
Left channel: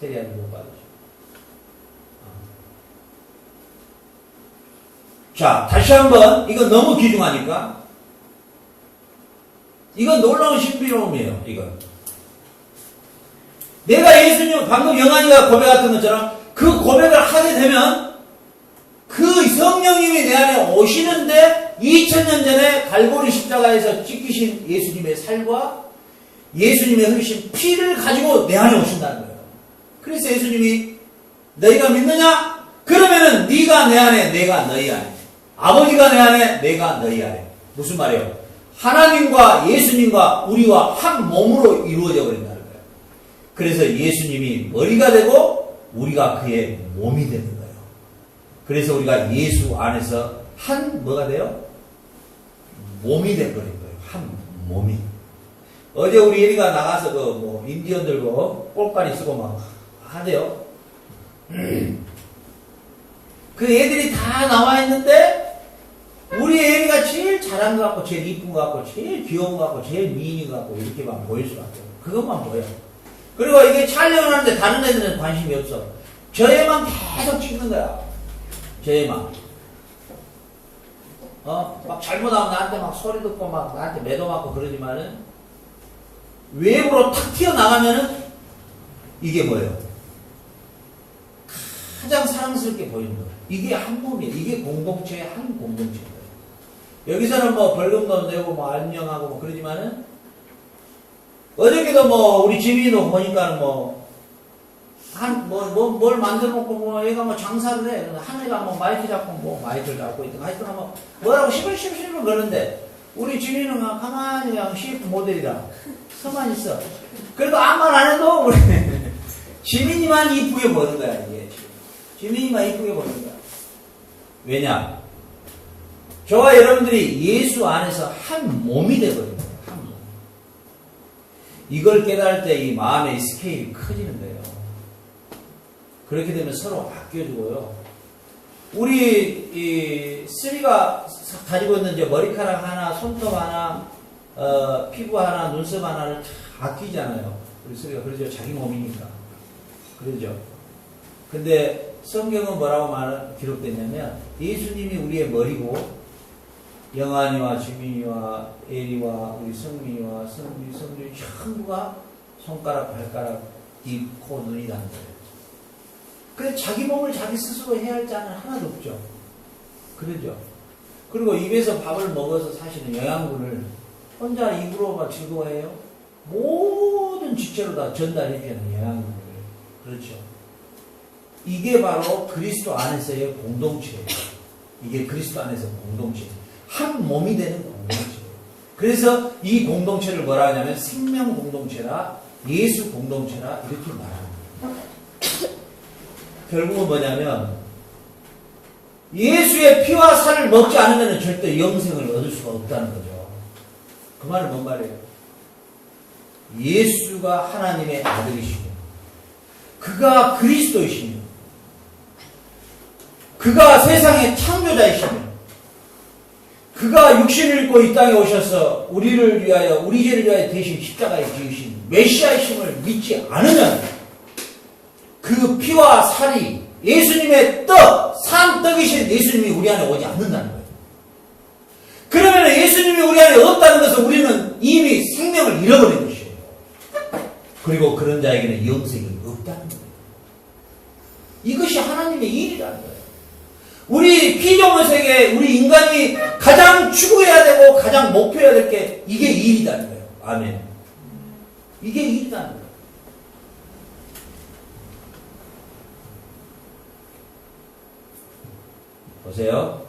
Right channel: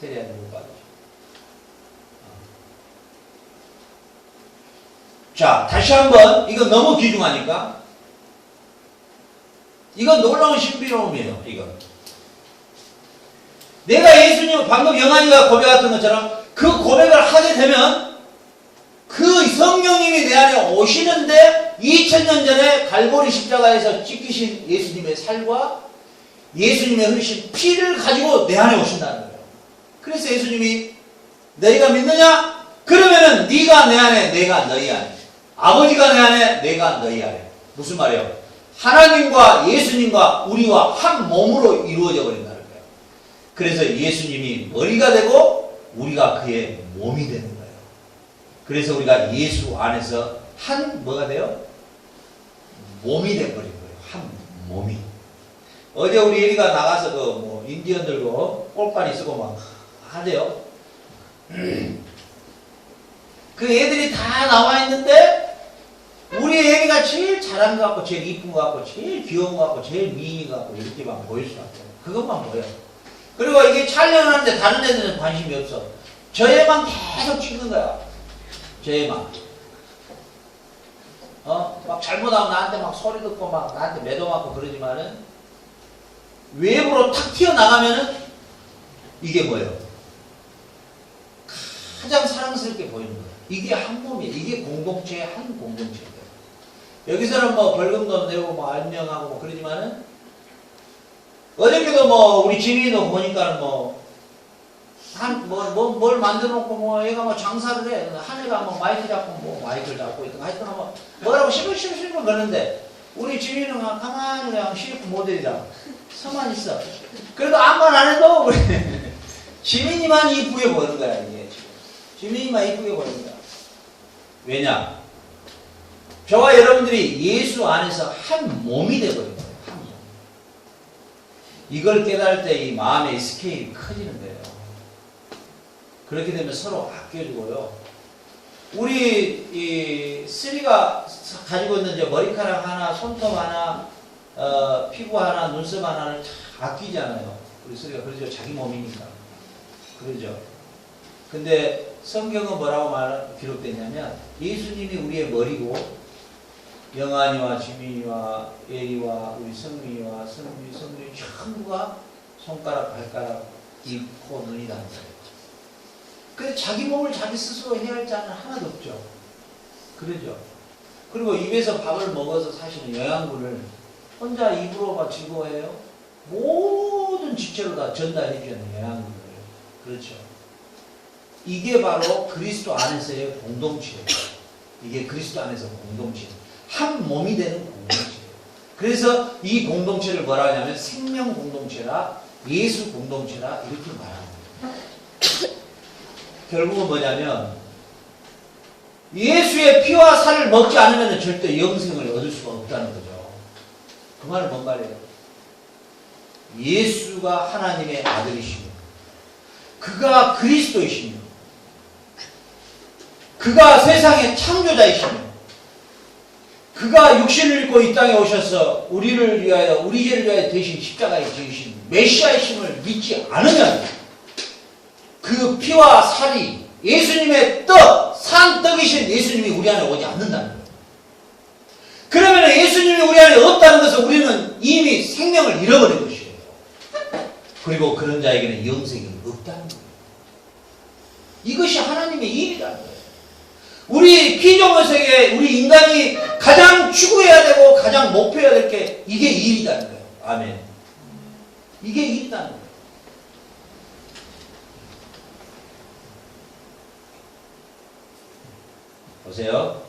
아직 못 받으죠. 자, 다시 한번, 이거 너무 귀중하니까. 이건 놀라운 신비로움이에요, 이건. 내가 예수님, 방금 영환이가 고백했던 것처럼 그 고백을 하게 되면 그 성령님이 내 안에 오시는데 2000년 전에 갈보리 십자가에서 찢기신 예수님의 살과 예수님의 흘리신 피를 가지고 내 안에 오신다는 거예요. 그래서 예수님이 너희가 믿느냐? 그러면은 네가 내 안에, 내가 너희 안에. 아버지가 내 안에, 내가 너희 안에. 무슨 말이에요? 하나님과 예수님과 우리와 한 몸으로 이루어져 버린다는 거예요. 그래서 예수님이 머리가 되고 우리가 그의 몸이 되는 거예요. 그래서 우리가 예수 안에서 한 뭐가 돼요? 몸이 돼버린 거예요. 한 몸이. 어제 우리 예리가 나가서 그 뭐 인디언 들고 꼴까리 쓰고 막 하대요. 그 애들이 다 나와 있는데 우리 예리가 제일 잘한 것 같고 제일 이쁜 것 같고 제일 귀여운 것 같고 제일 미인인 것 같고 이렇게만 보일 수밖에 없어요. 그것만 보여. 그리고 이게 촬영을 하는데 다른 애들은 관심이 없어. 저 애만 계속 찍는 거야. 저 애만. 막 잘못하면 나한테 막 소리 듣고 막 나한테 매도 맞고 그러지만은 외부로 탁 튀어나가면은 이게 뭐예요? 가장 사랑스럽게 보이는 거예요. 이게 한 몸이에요. 이게 공동체의 한 공동체예요. 여기서는 뭐 벌금도 내고 뭐 안녕하고 뭐 그러지만은 어저께도 뭐 우리 지민이도 보니까는 뭘 만들어 놓고 뭐 얘가 뭐 장사를 해. 한 애가 뭐 마이크 잡고 뭐 마이크를 잡고 있던 하여튼 뭐 뭐라고 시끌시끌 그러는데 우리 지민이는 가만히 그냥 CF 모델이라 서만 있어. 그래도 아무 말 안 해도 우리 지민이만 이쁘게 보이는 거야 이게 지금. 지민이만 이쁘게 보이는 거야. 왜냐? 저와 여러분들이 예수 안에서 한 몸이 되어버린 거예요. 한 몸. 이걸 깨달을 때 이 마음의 스케일이 커지는 거예요. 그렇게 되면 서로 아껴주고요. 우리 이 쓰리가 가지고 있는 이제 머리카락 하나, 손톱 하나, 피부 하나, 눈썹 하나를 다 아끼잖아요. 우리 쓰리가 그러죠. 자기 몸이니까. 그러죠. 근데 성경은 뭐라고 기록됐냐면 예수님이 우리의 머리고 영환이와 지민이와 에리와 우리 성민이와 성민이 전부가 손가락, 발가락, 입, 코, 눈이라는 거예요. 근데 자기 몸을 자기 스스로 해야 할 자는 하나도 없죠. 그러죠. 그리고 입에서 밥을 먹어서 사실은 영양분을 혼자 입으로만 즐거워해요. 모든 지체로 다 전달해 주는 영양분을. 그렇죠. 이게 바로 그리스도 안에서의 공동체예요. 이게 그리스도 안에서 공동체예요. 한 몸이 되는 공동체예요. 그래서 이 공동체를 뭐라 하냐면 생명 공동체라 예수 공동체라 이렇게 말합니다. 결국은 뭐냐면 예수의 피와 살을 먹지 않으면 절대 영생을 얻을 수가 없다는 거죠. 그 말은 뭔 말이에요? 예수가 하나님의 아들이시고 그가 그리스도이시며 그가 세상의 창조자이시며 그가 육신을 입고 이 땅에 오셔서 우리를 위하여 우리 죄를 위하여 대신 십자가에 지으신 메시아이심을 믿지 않으면 그 피와 살이 예수님의 산떡이신 예수님이 우리 안에 오지 않는다는 거예요. 그러면 예수님이 우리 안에 없다는 것은 우리는 이미 생명을 잃어버린 것이에요. 그리고 그런 자에게는 영생이 없다는 거예요. 이것이 하나님의 일이라는 거예요. 우리 피조물 세계에 우리 인간이 가장 추구해야 되고 가장 목표해야 될 게 이게 일이라는 거예요. 아멘. 이게 일이라는 거예요. 보세요.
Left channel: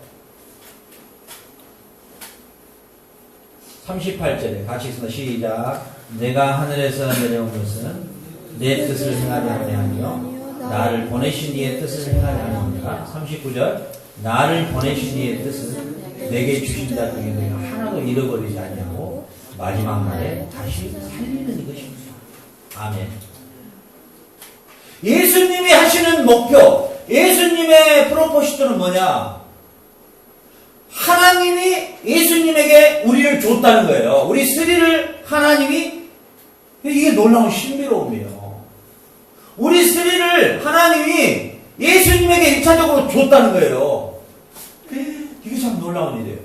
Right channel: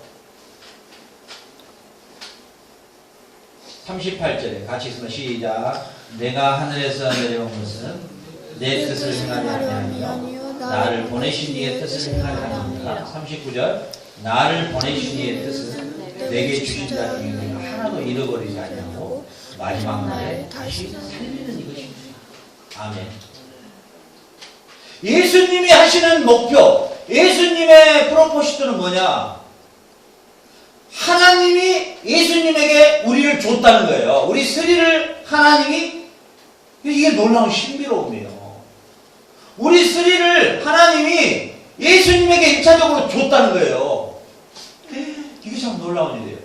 38절에 같이 있으면 시작. 내가 하늘에서 내려온 것은 내 뜻을 행하려 아니하며 나를 보내신 이의 뜻을 행하려 하느니라. 39절 나를 보내신 이의 뜻은 내게 주신 자 중에 하나도 잃어버리지 아니하고 마지막 날에 다시 살리는 이것입니다. 아멘. 예수님이 하시는 목표, 예수님의 프로포시트는 뭐냐? 하나님이 예수님에게 우리를 줬다는 거예요. 우리 스리를 하나님이, 이게 놀라운 신비로움이에요. 우리 스리를 하나님이 예수님에게 1차적으로 줬다는 거예요. 이게 참 놀라운 일이에요.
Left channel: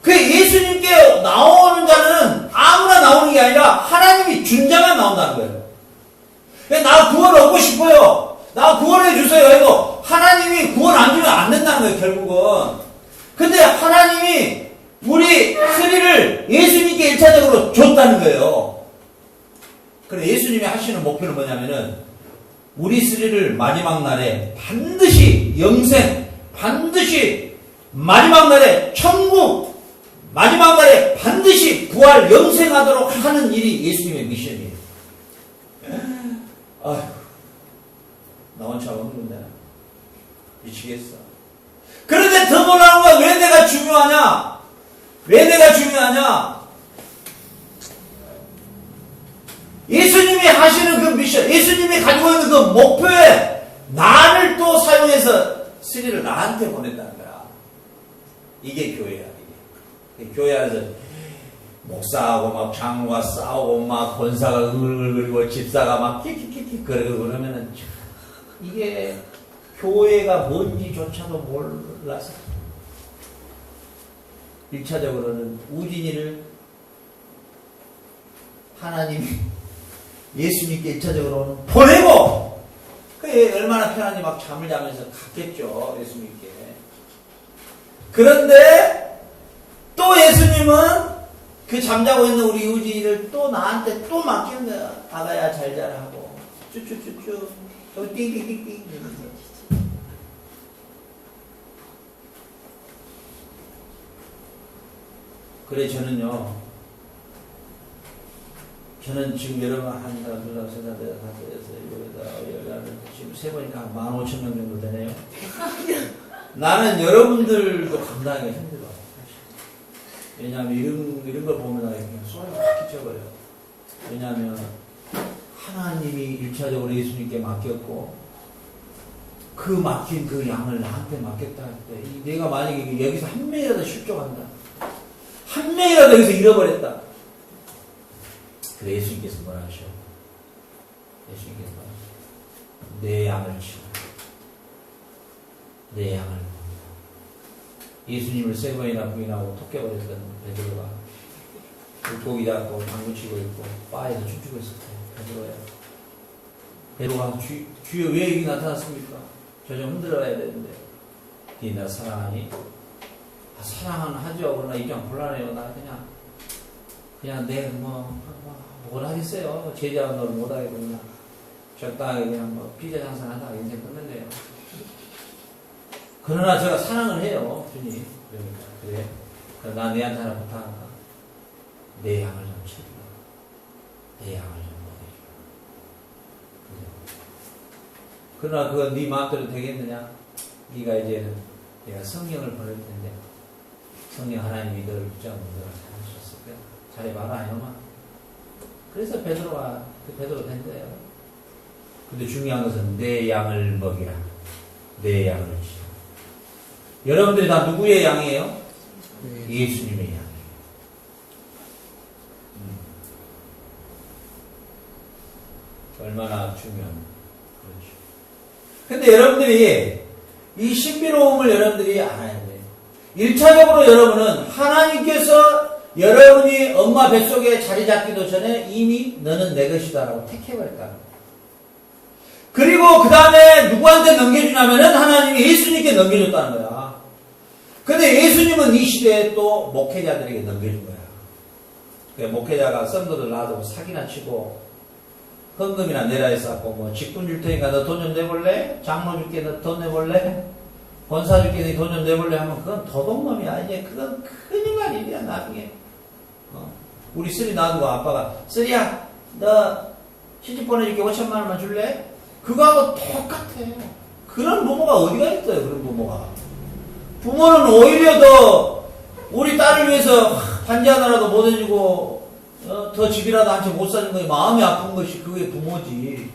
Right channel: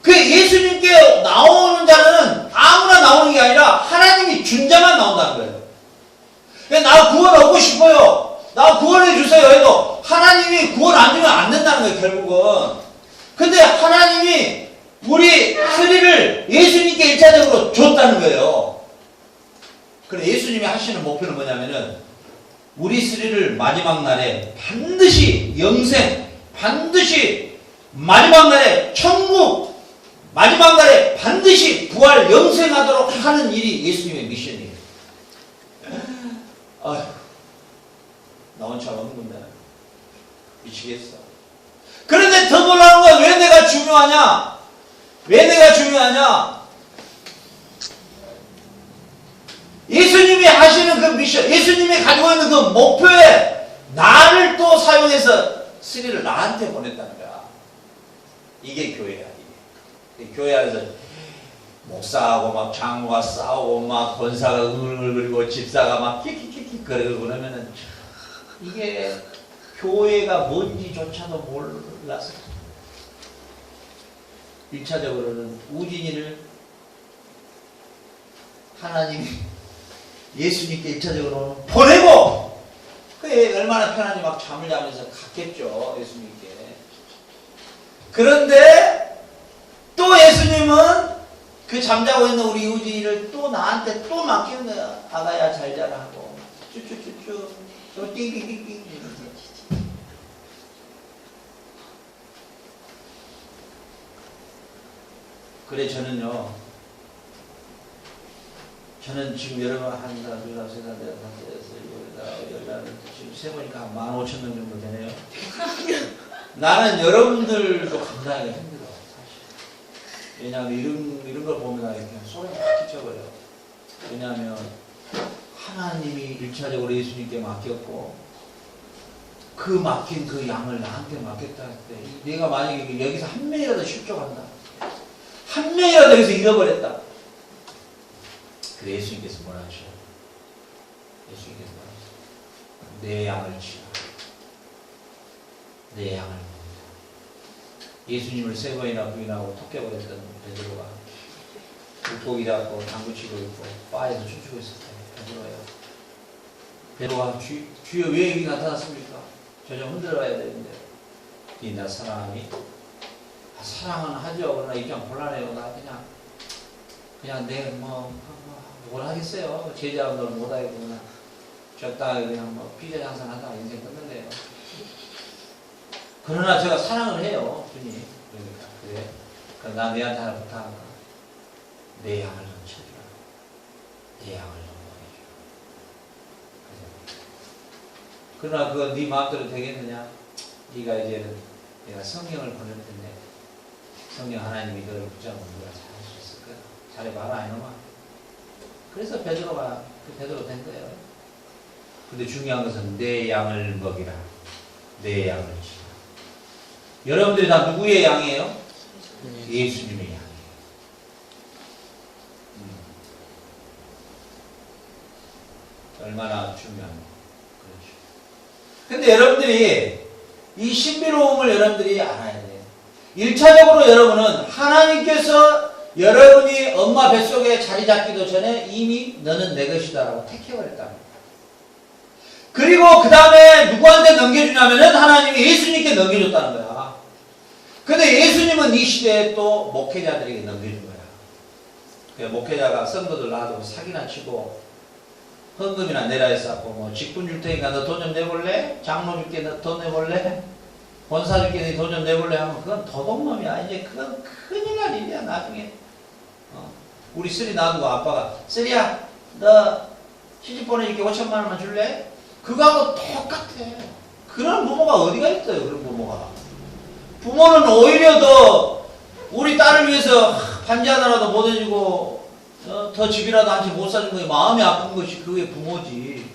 그 예수님께 나오는 자는 아무나 나오는 게 아니라 하나님이 준 자만 나온다는 거예요. 나 구원 얻고 싶어요. 나 구원해 주세요 해도 하나님이 구원 안 주면 안 된다는 거예요, 결국은. 근데 하나님이 우리 스리를 예수님께 1차적으로 줬다는 거예요. 그래, 예수님이 하시는 목표는 뭐냐면은 우리 스리를 마지막 날에 반드시 영생, 반드시 마지막 날에 천국 마지막 날에 반드시 부활 영생하도록 하는 일이 예수님의 미션이에요. 아휴, 나 혼자 없는 건데 미치겠어. 그런데 더 놀라운 건 왜 내가 중요하냐? 왜 내가 중요하냐? 예수님이 하시는 그 미션, 예수님이 가지고 있는 그 목표에 나를 또 사용해서 쓰리를 나한테 보냈다는 거야. 이게 교회야. 이게 교회 안에서 목사하고 막 장로가 싸우고 막 권사가 응을거리고 집사가 막 킥킥킥킥 거리고 그러면은 이게 교회가 뭔지조차도 몰라서 1차적으로는 우진이를 하나님이 예수님께 1차적으로는 보내고 그게 얼마나 편한지 막 잠을 자면서 갔겠죠. 예수님께. 그런데 또 예수님은 그 잠자고 있는 우리 우진이를 또 나한테 또 맡겼네요. 아가야 잘 자라 하고 쭈쭈쭈쭈 또 띵띵띵띵 이러면서 그래 저는 지금 여러분 한달, 둘달, 세달, 네달, 다섯, 여섯, 일곱, 여덟, 열, 지금 세보니까 15,000명 정도 되네요. 나는 여러분들도 감당하기가 힘들어. 사실. 왜냐하면 이런 걸 보면 그냥 소리가 확 끼쳐버려. 왜냐하면 하나님이 1차적으로 예수님께 맡겼고 그 맡긴 그 양을 나한테 맡겼다 할 때 내가 만약에 여기서 한 명이라도 실족한다. 한 명이라도 여기서 잃어버렸다. 그래 예수님께서 뭐라 하셔요? 예수님께서 뭐라 하셔요? 내 양을 치라. 내 양을 먹이라. 예수님을 세 번이나 부인하고 토껴버렸던 베드로가 물고기 잡고 당구 치고 있고 바에서 춤추고 있을 때 베드로예요. 베드로가 주여 왜 여기 나타났습니까? 저 좀 흔들어야 되는데 네 나 사랑하니? 사랑은 하죠. 그러나 입장 곤란해요. 나 그냥 내 뭘 하겠어요. 제자는 널 못하겠고 그냥 적당하게 그냥 피자 장사하다 인생 끝낸대요. 그러나 제가 사랑을 해요. 주님. 그러니까 그래. 그럼 나 내한테 하나 부탁한다. 내 양을 좀 치우라. 내 양을 좀 먹여줘. 그래. 그러나 그건 네 마음대로 되겠느냐? 네가 이제는 내가 성령을 보낼 텐데 성령 하나님이 너를 붙잡으면 너가 잘할 수 있을 거야. 잘해봐라 이놈아. 그래서 베드로 된 거예요. 근데 중요한 것은 내 양을 먹이라. 내 양을 치라. 여러분들이 다 누구의 양이에요? 예수님의 양이에요. 얼마나 중요한 그렇죠. 근데 여러분들이 이 신비로움을 여러분들이 알아야 돼요. 1차적으로 여러분은 하나님께서 여러분이 엄마 뱃속에 자리 잡기도 전에 이미 너는 내 것이다라고 택해버렸다는 거예요. 그리고 그 다음에 누구한테 넘겨주냐면은 하나님이 예수님께 넘겨줬다는 거야. 근데 예수님은 이 시대에 또 목회자들에게 넘겨준 거야. 그러니까 목회자가 성도들 놔두고 사기나 치고 헌금이나 내라 했었고 뭐 직분 줄 테니까 너 돈 좀 내볼래? 장로 줄게 너 돈 내볼래? 권사 줄게 너 돈 좀 내볼래? 하면 그건 도둑놈이야. 이제 그건 큰일 날 일이야 나중에. 우리 쓰리 놔두고 아빠가 쓰리야 너 시집 보내줄게 5천만 원만 줄래? 그거하고 똑같아. 그런 부모가 어디가 있어요. 그런 부모가. 부모는 오히려 더 우리 딸을 위해서 반지 하나라도 못 해주고 더 집이라도 한 채 못 사준 거에 마음이 아픈 것이 그게 부모지.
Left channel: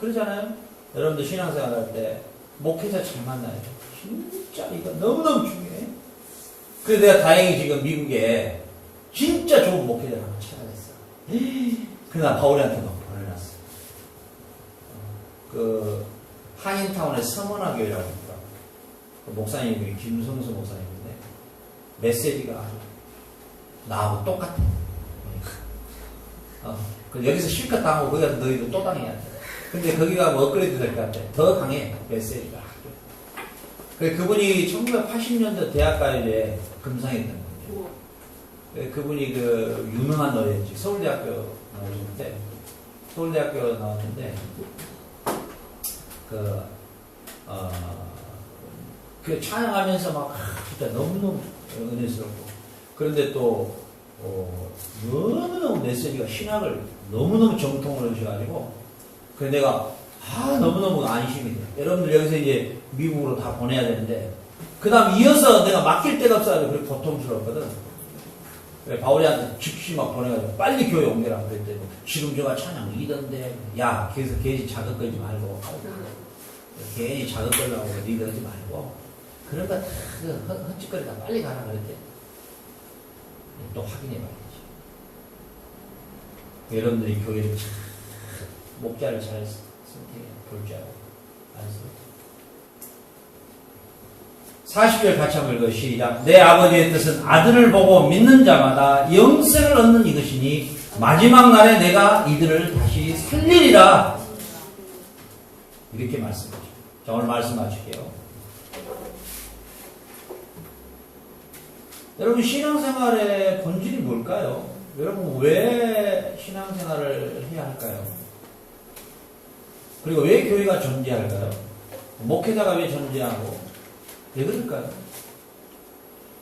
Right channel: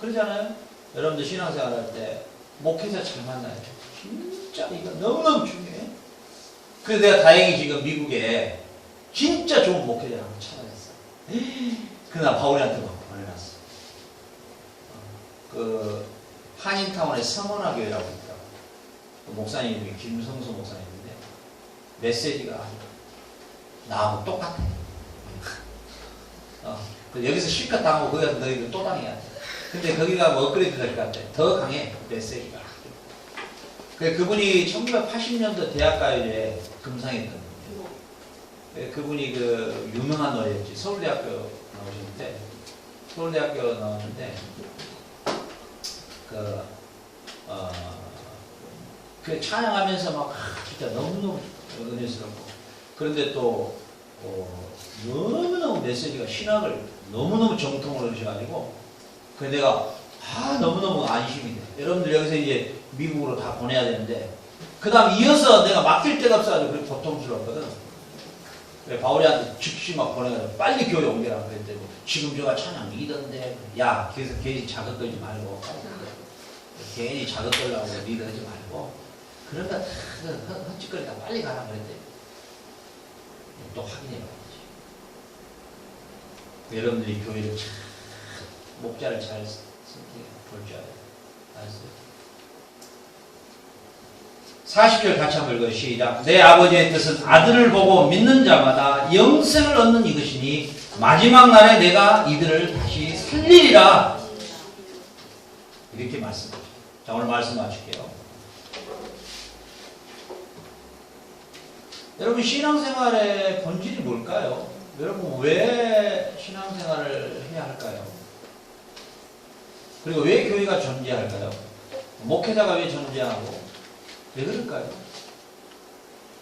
그러잖아요. 여러분들 신앙생활 할 때 목회자 잘 만나요. 진짜 이거 너무너무 중요해. 그래서 내가 다행히 지금 미국에 진짜 좋은 목회자를 한번 찾아냈어. 그날 바울이한테 막 보내놨어. 그 한인타운에 서머나 교회라고 있더라고. 그 목사님 이름이 김성수 목사님인데 메시지가 나하고 똑같아. 여기서 실컷 당하고 거기 가서 너희들 또 당해야 돼. 근데 거기 가면 업그레이드 될 것 같아. 더 강해 메시지가. 그분이 1980년도 대학가요제 금상했던 분이에요. 그분이 그 유명한 노래였지. 서울대학교 나오셨는데 서울대학교 나왔는데 그 찬양하면서 막 진짜 너무너무 은혜스럽고. 그런데 또 너무너무 메시지가 신학을 너무너무 정통으로 하셔가지고 그 내가 너무너무 안심이 돼요. 여러분들 여기서 이제 미국으로 다 보내야 되는데 그 다음 이어서 내가 맡길 데가 없어가지고 그렇게 고통스럽거든. 그래 바울이한테 즉시 막 보내가지고 빨리 교회 옮겨라 그랬더니 지금 저가 찬양 리더인데 야 그래서 괜히 자극 걸지 말고 괜히 자극 걸려고 리더하지 말고 그러니까 헛짓거리다 빨리 가라 그랬대. 또 확인해 봐야지. 여러분들이 교회를 참 목자를 잘 선택해 볼 줄 알았어요. 40절 같이 한번 읽어요. 시작. 내 아버지의 뜻은 아들을 보고 믿는 자마다 영생을 얻는 이것이니 마지막 날에 내가 이들을 다시 살리리라. 이렇게 말씀하시죠. 자, 오늘 말씀 마칠게요. 여러분 신앙생활의 본질이 뭘까요? 여러분 왜 신앙생활을 해야 할까요? 그리고 왜 교회가 존재할까요? 목회자가 왜 존재하고 왜 그럴까요?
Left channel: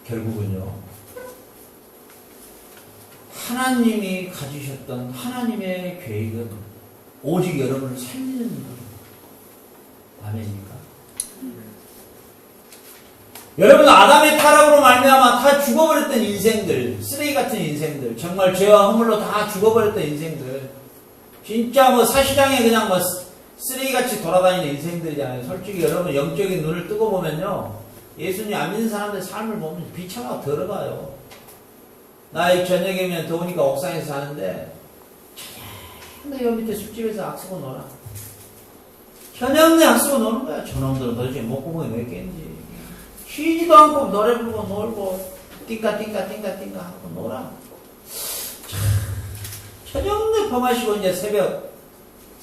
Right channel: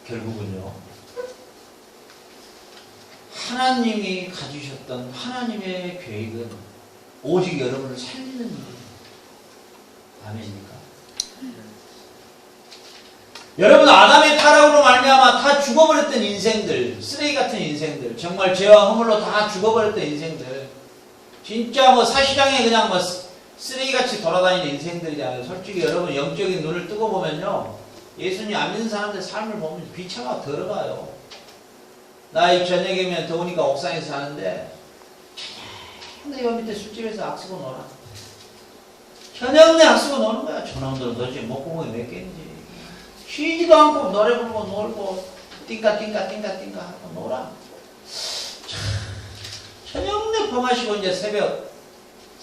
결국은요 하나님이 가지셨던 하나님의 계획은 오직 여러분을 살리는 일입니다. 아멘입니까? 여러분 아담의 타락으로 말미암아 다 죽어버렸던 인생들, 쓰레기 같은 인생들, 정말 죄와 허물로 다 죽어버렸던 인생들, 진짜 뭐 사시장에 그냥 뭐 쓰레기같이 돌아다니는 인생들이잖아요. 솔직히 여러분 영적인 눈을 뜨고 보면요 예수님 안 믿는 사람들 삶을 보면 비차가 들어가요. 나 저녁이면 더우니까 옥상에서 사는데 근데 여 밑에 술집에서 악수고 놀아. 저녁내 악수고 노는 거야. 저놈들은 도대체 목구멍이 몇 개인지 쉬지도 않고 노래 부르고 놀고 띵까 하고 놀아. 저녁내 퍼마시고 이제 새벽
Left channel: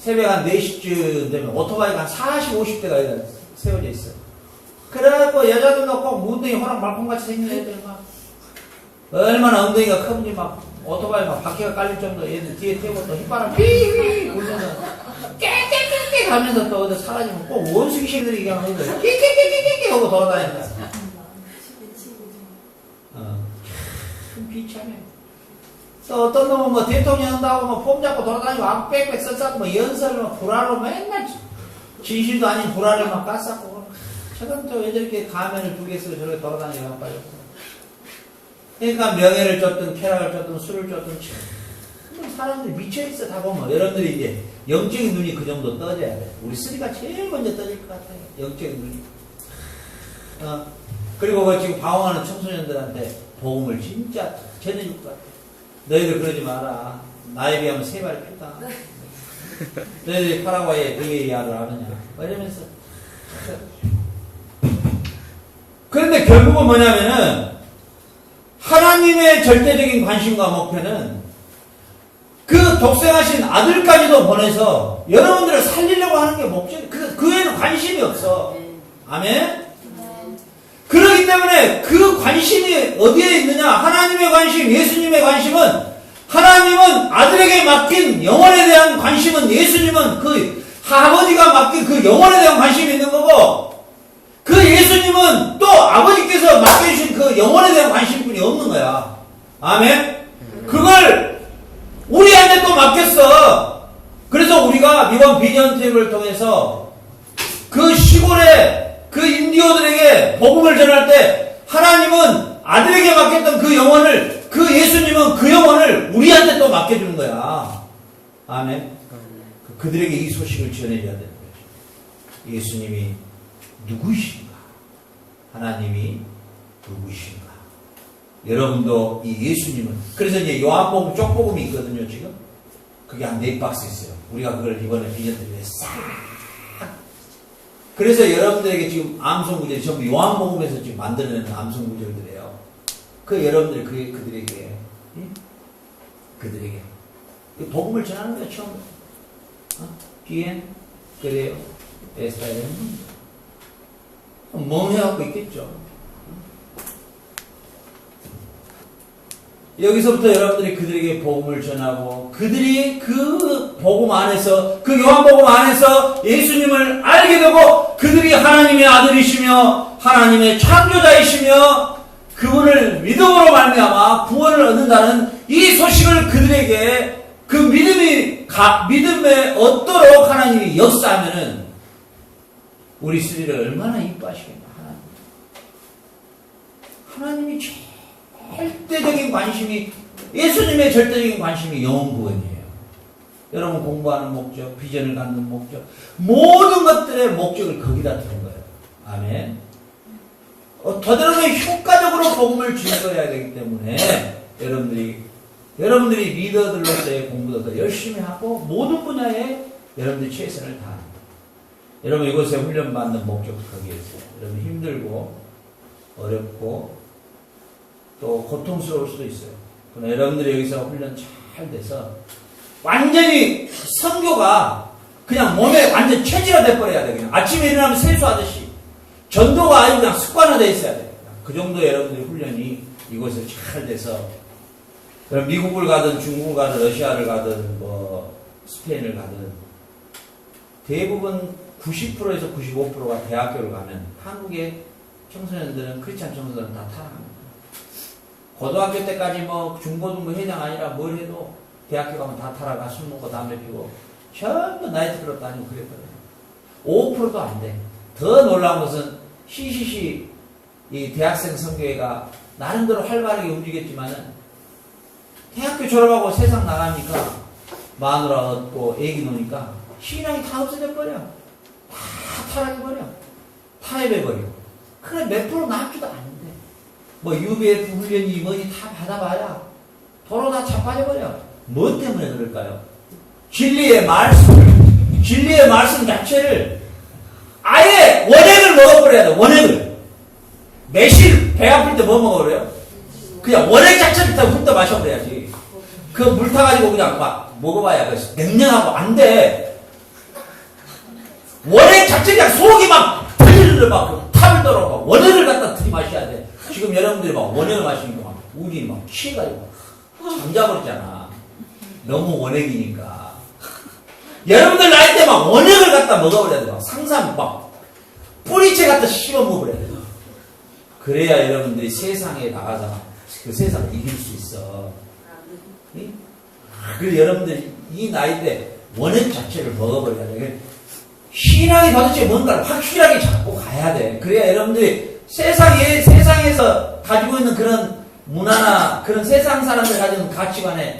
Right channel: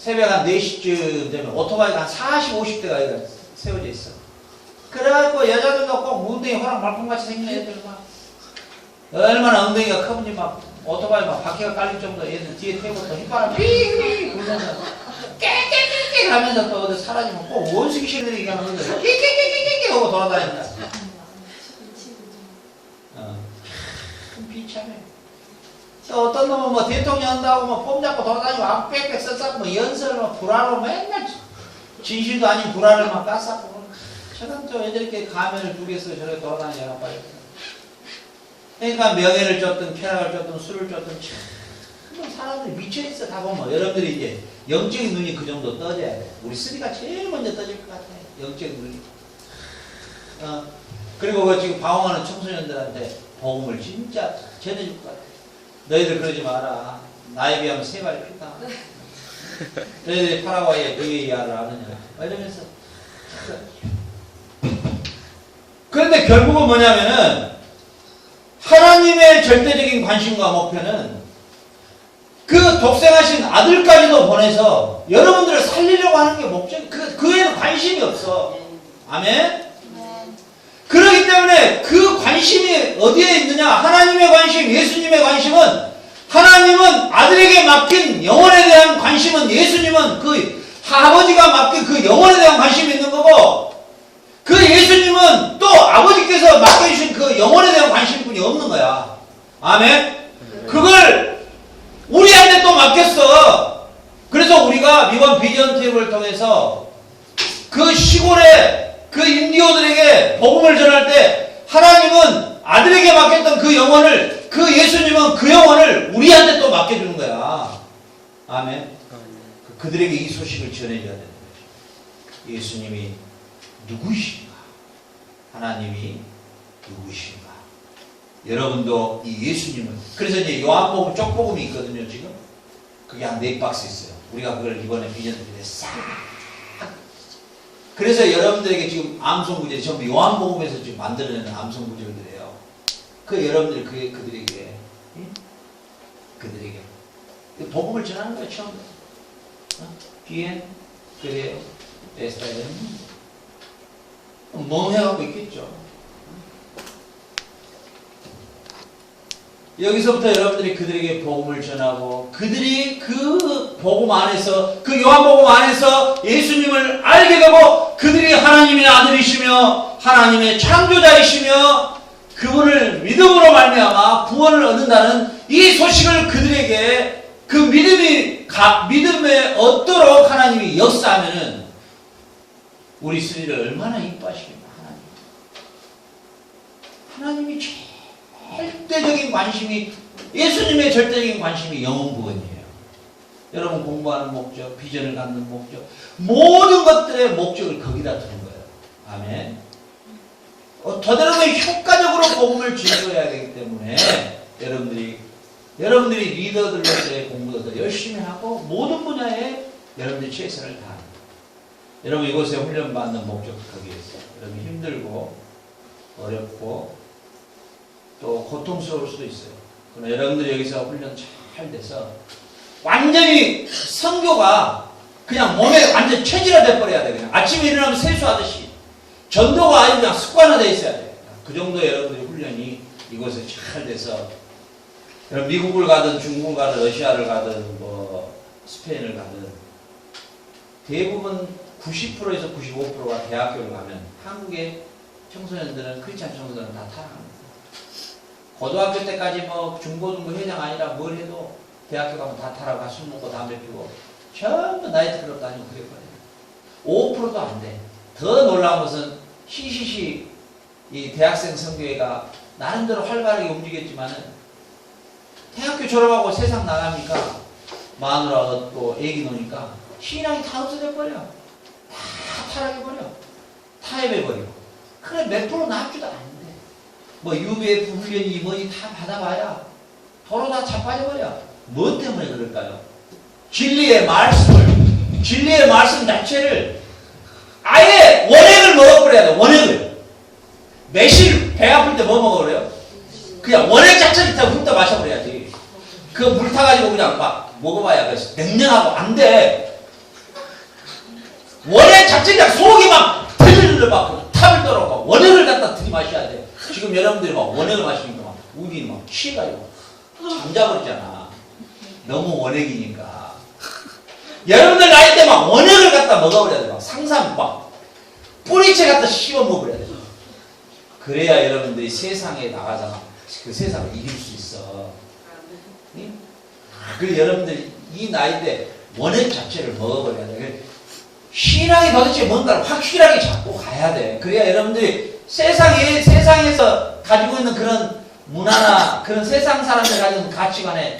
한 4시쯤 되면 오토바이가 한 40, 50대가 세워져 있어. 그래갖고 여자들도 꼭 엉덩이 호랑 말콩같이 생긴 애들 막 얼마나 엉덩이가 크는지 막 오토바이 막 바퀴가 깔릴 정도 얘들 뒤에 태우고 또 휘바람 삐 불면서 깨깨깨깨 하면서 또 어디 사라지면 꼭 원숭이들이 그냥 하는 거야. 깨깨깨깨깨 하고 돌아다닌다. 비참해. 또 어떤 놈은 뭐 대통령 한다고 뭐 폼 잡고 돌아다니고 악 빽빽 써싸고 뭐 연설로 뭐 불화로 맨날 진실도 아닌 불화를 막 깠었고 저건 또 왜 저렇게 가면을 두 개 쓰고 저렇게 돌아다니냐 빠졌어. 그러니까 명예를 쫓든 쾌락을 쫓든 술을 쫓든 참 사람들이 미쳐있어. 다 보면 여러분들이 이제 영적인 눈이 그 정도 떠져야 돼. 우리 쓰리가 제일 먼저 떠질 것 같아요. 영적인 눈이. 그리고 그 지금 방황하는 청소년들한테 복음을 진짜 전해줄 것 같아. 너희들 그러지 마라. 나에 비하면 3마리 피다. 너희들이 파라과이의 VAR을 아느냐. 이러면서. 그런데 결국은 뭐냐면은 하나님의 절대적인 관심과 목표는 그 독생하신 아들까지도 보내서 여러분들을 살리려고 하는 게 목적. 그 외에는 관심이 없어. 아멘? 그렇기 때문에 그 관심이 어디에 있느냐? 하나님의 관심, 예수님의 관심은 하나님은 아들에게 맡긴 영혼에 대한 관심은 예수님은 그 아버지가 맡긴 그 영혼에 대한 관심이 있는 거고 그 예수님은 또 아버지께서 맡겨주신 그 영혼에 대한 관심뿐이 없는 거야. 아멘? 그걸 우리한테 또 맡겼어. 그래서 우리가 이번 비전 트립을 통해서 그 시골에 그 인디오들에게 복음을 전할 때 하나님은 아들에게 맡겼던 그 영혼을 그 예수님은 그 영혼을 우리한테 또 맡겨주는 거야. 아멘. 그들에게 이 소식을 전해줘야 되는 거죠. 예수님이 누구이신가? 하나님이 누구이신가? 여러분도 이 예수님은 그래서 이제 요한복음 쪽복음이 있거든요. 지금 그게 한 4박스 있어요. 우리가 그걸 이번에 비전들에 싹 그래서 여러분들에게 지금 암송구절이 전부 요한복음에서 지금 만들어내는 암송구절들이에요. 그 여러분들 그들에게 복음을 전하는 거예요. 처음부터. 뒤엔 그래요. 에스파이는 멍해갖고 있겠죠. 여기서부터 여러분들이 그들에게 복음을 전하고 그들이 그 복음 안에서 그 요한복음 안에서 예수님을 알게 되고 그들이 하나님의 아들이시며 하나님의 창조자이시며 그분을 믿음으로 말미암아 구원을 얻는다는 이 소식을 그들에게 그 믿음에 얻도록 하나님이 역사하면은 우리 스리를 얼마나 이뻐하시겠나. 하나님이 절대적인 관심이, 예수님의 절대적인 관심이 영혼 구원이에요. 여러분 공부하는 목적, 비전을 갖는 목적, 모든 것들의 목적을 거기다 두는 거예요. 아멘. 더대로 효과적으로 복음을 증거해야 되기 때문에 여러분들이 리더들로서의 공부도 열심히 하고 모든 분야에 여러분들이 최선을 다합니다. 여러분 이곳에 훈련받는 목적도 거기에 있어요. 여러분 힘들고 어렵고 또 고통스러울 수도 있어요. 그러나 여러분들이 여기서 훈련 잘 돼서 완전히 선교가 그냥 몸에 완전 체질화돼 버려야 돼. 그냥 아침에 일어나면 세수하듯이 전도가 아주 그냥 습관화되어 있어야 돼. 그 정도 여러분들의 훈련이 이곳에 잘 돼서 여러분 미국을 가든 중국을 가든 러시아를 가든 뭐 스페인을 가든 대부분 90%에서 95%가 대학교를 가면 한국의 청소년들은 크리스찬 청소년들은 다 타락합니다. 고등학교 때까지 뭐 중고등부 회장 아니라 뭘 해도 대학교 가면 다 타락하, 술 먹고 담배 피고 전부 나이트클럽 다니고 그랬거든요. 5%도 안 돼. 더 놀라운 것은 CCC 이 대학생 선교회가 나름대로 활발하게 움직였지만은 대학교 졸업하고 세상 나가니까 마누라 얻고 애기 노니까 신앙이 다 없어져 버려. 다 타락해버려. 타협해버리고. 그래 몇 프로 남지도 않는데 뭐 UBF 훈련이 뭐니 다 받아봐야 도로 다 자빠져버려. 뭐 때문에 그럴까요? 진리의 말씀 자체를 아예 원액을 먹어버려야 돼. 원액을. 매실 배 아플 때 뭐 먹어버려요? 그냥 원액 자체를 다 훑어 마셔버려야지. 그 물 타가지고 그냥 막 먹어봐야 냉랭하고 안 돼. 원액 자체 그냥 속이 막 터질러 막 탑을 떨어가 원액을 갖다 들이마셔야 돼. 지금 여러분들이 막 원액을 마시니까 막 우리 막 취해가지고 잠자버리잖아. 너무 원액이니까. 여러분들 나이 때 막 원액을 갖다 먹어버려야 돼. 막 상상 막 뿌리채 갖다 씹어 먹어버려야 돼. 그래야 여러분들이 세상에 나가서 그 세상을 이길 수 있어. 응? 그 여러분들 이 나이 때 원액 자체를 먹어버려야 돼. 신앙이 도대체 뭔가를 확실하게 잡고 가야 돼. 그래야 여러분들이 세상에서 가지고 있는 그런 문화나 그런 세상 사람들 가지고 있는 가치관에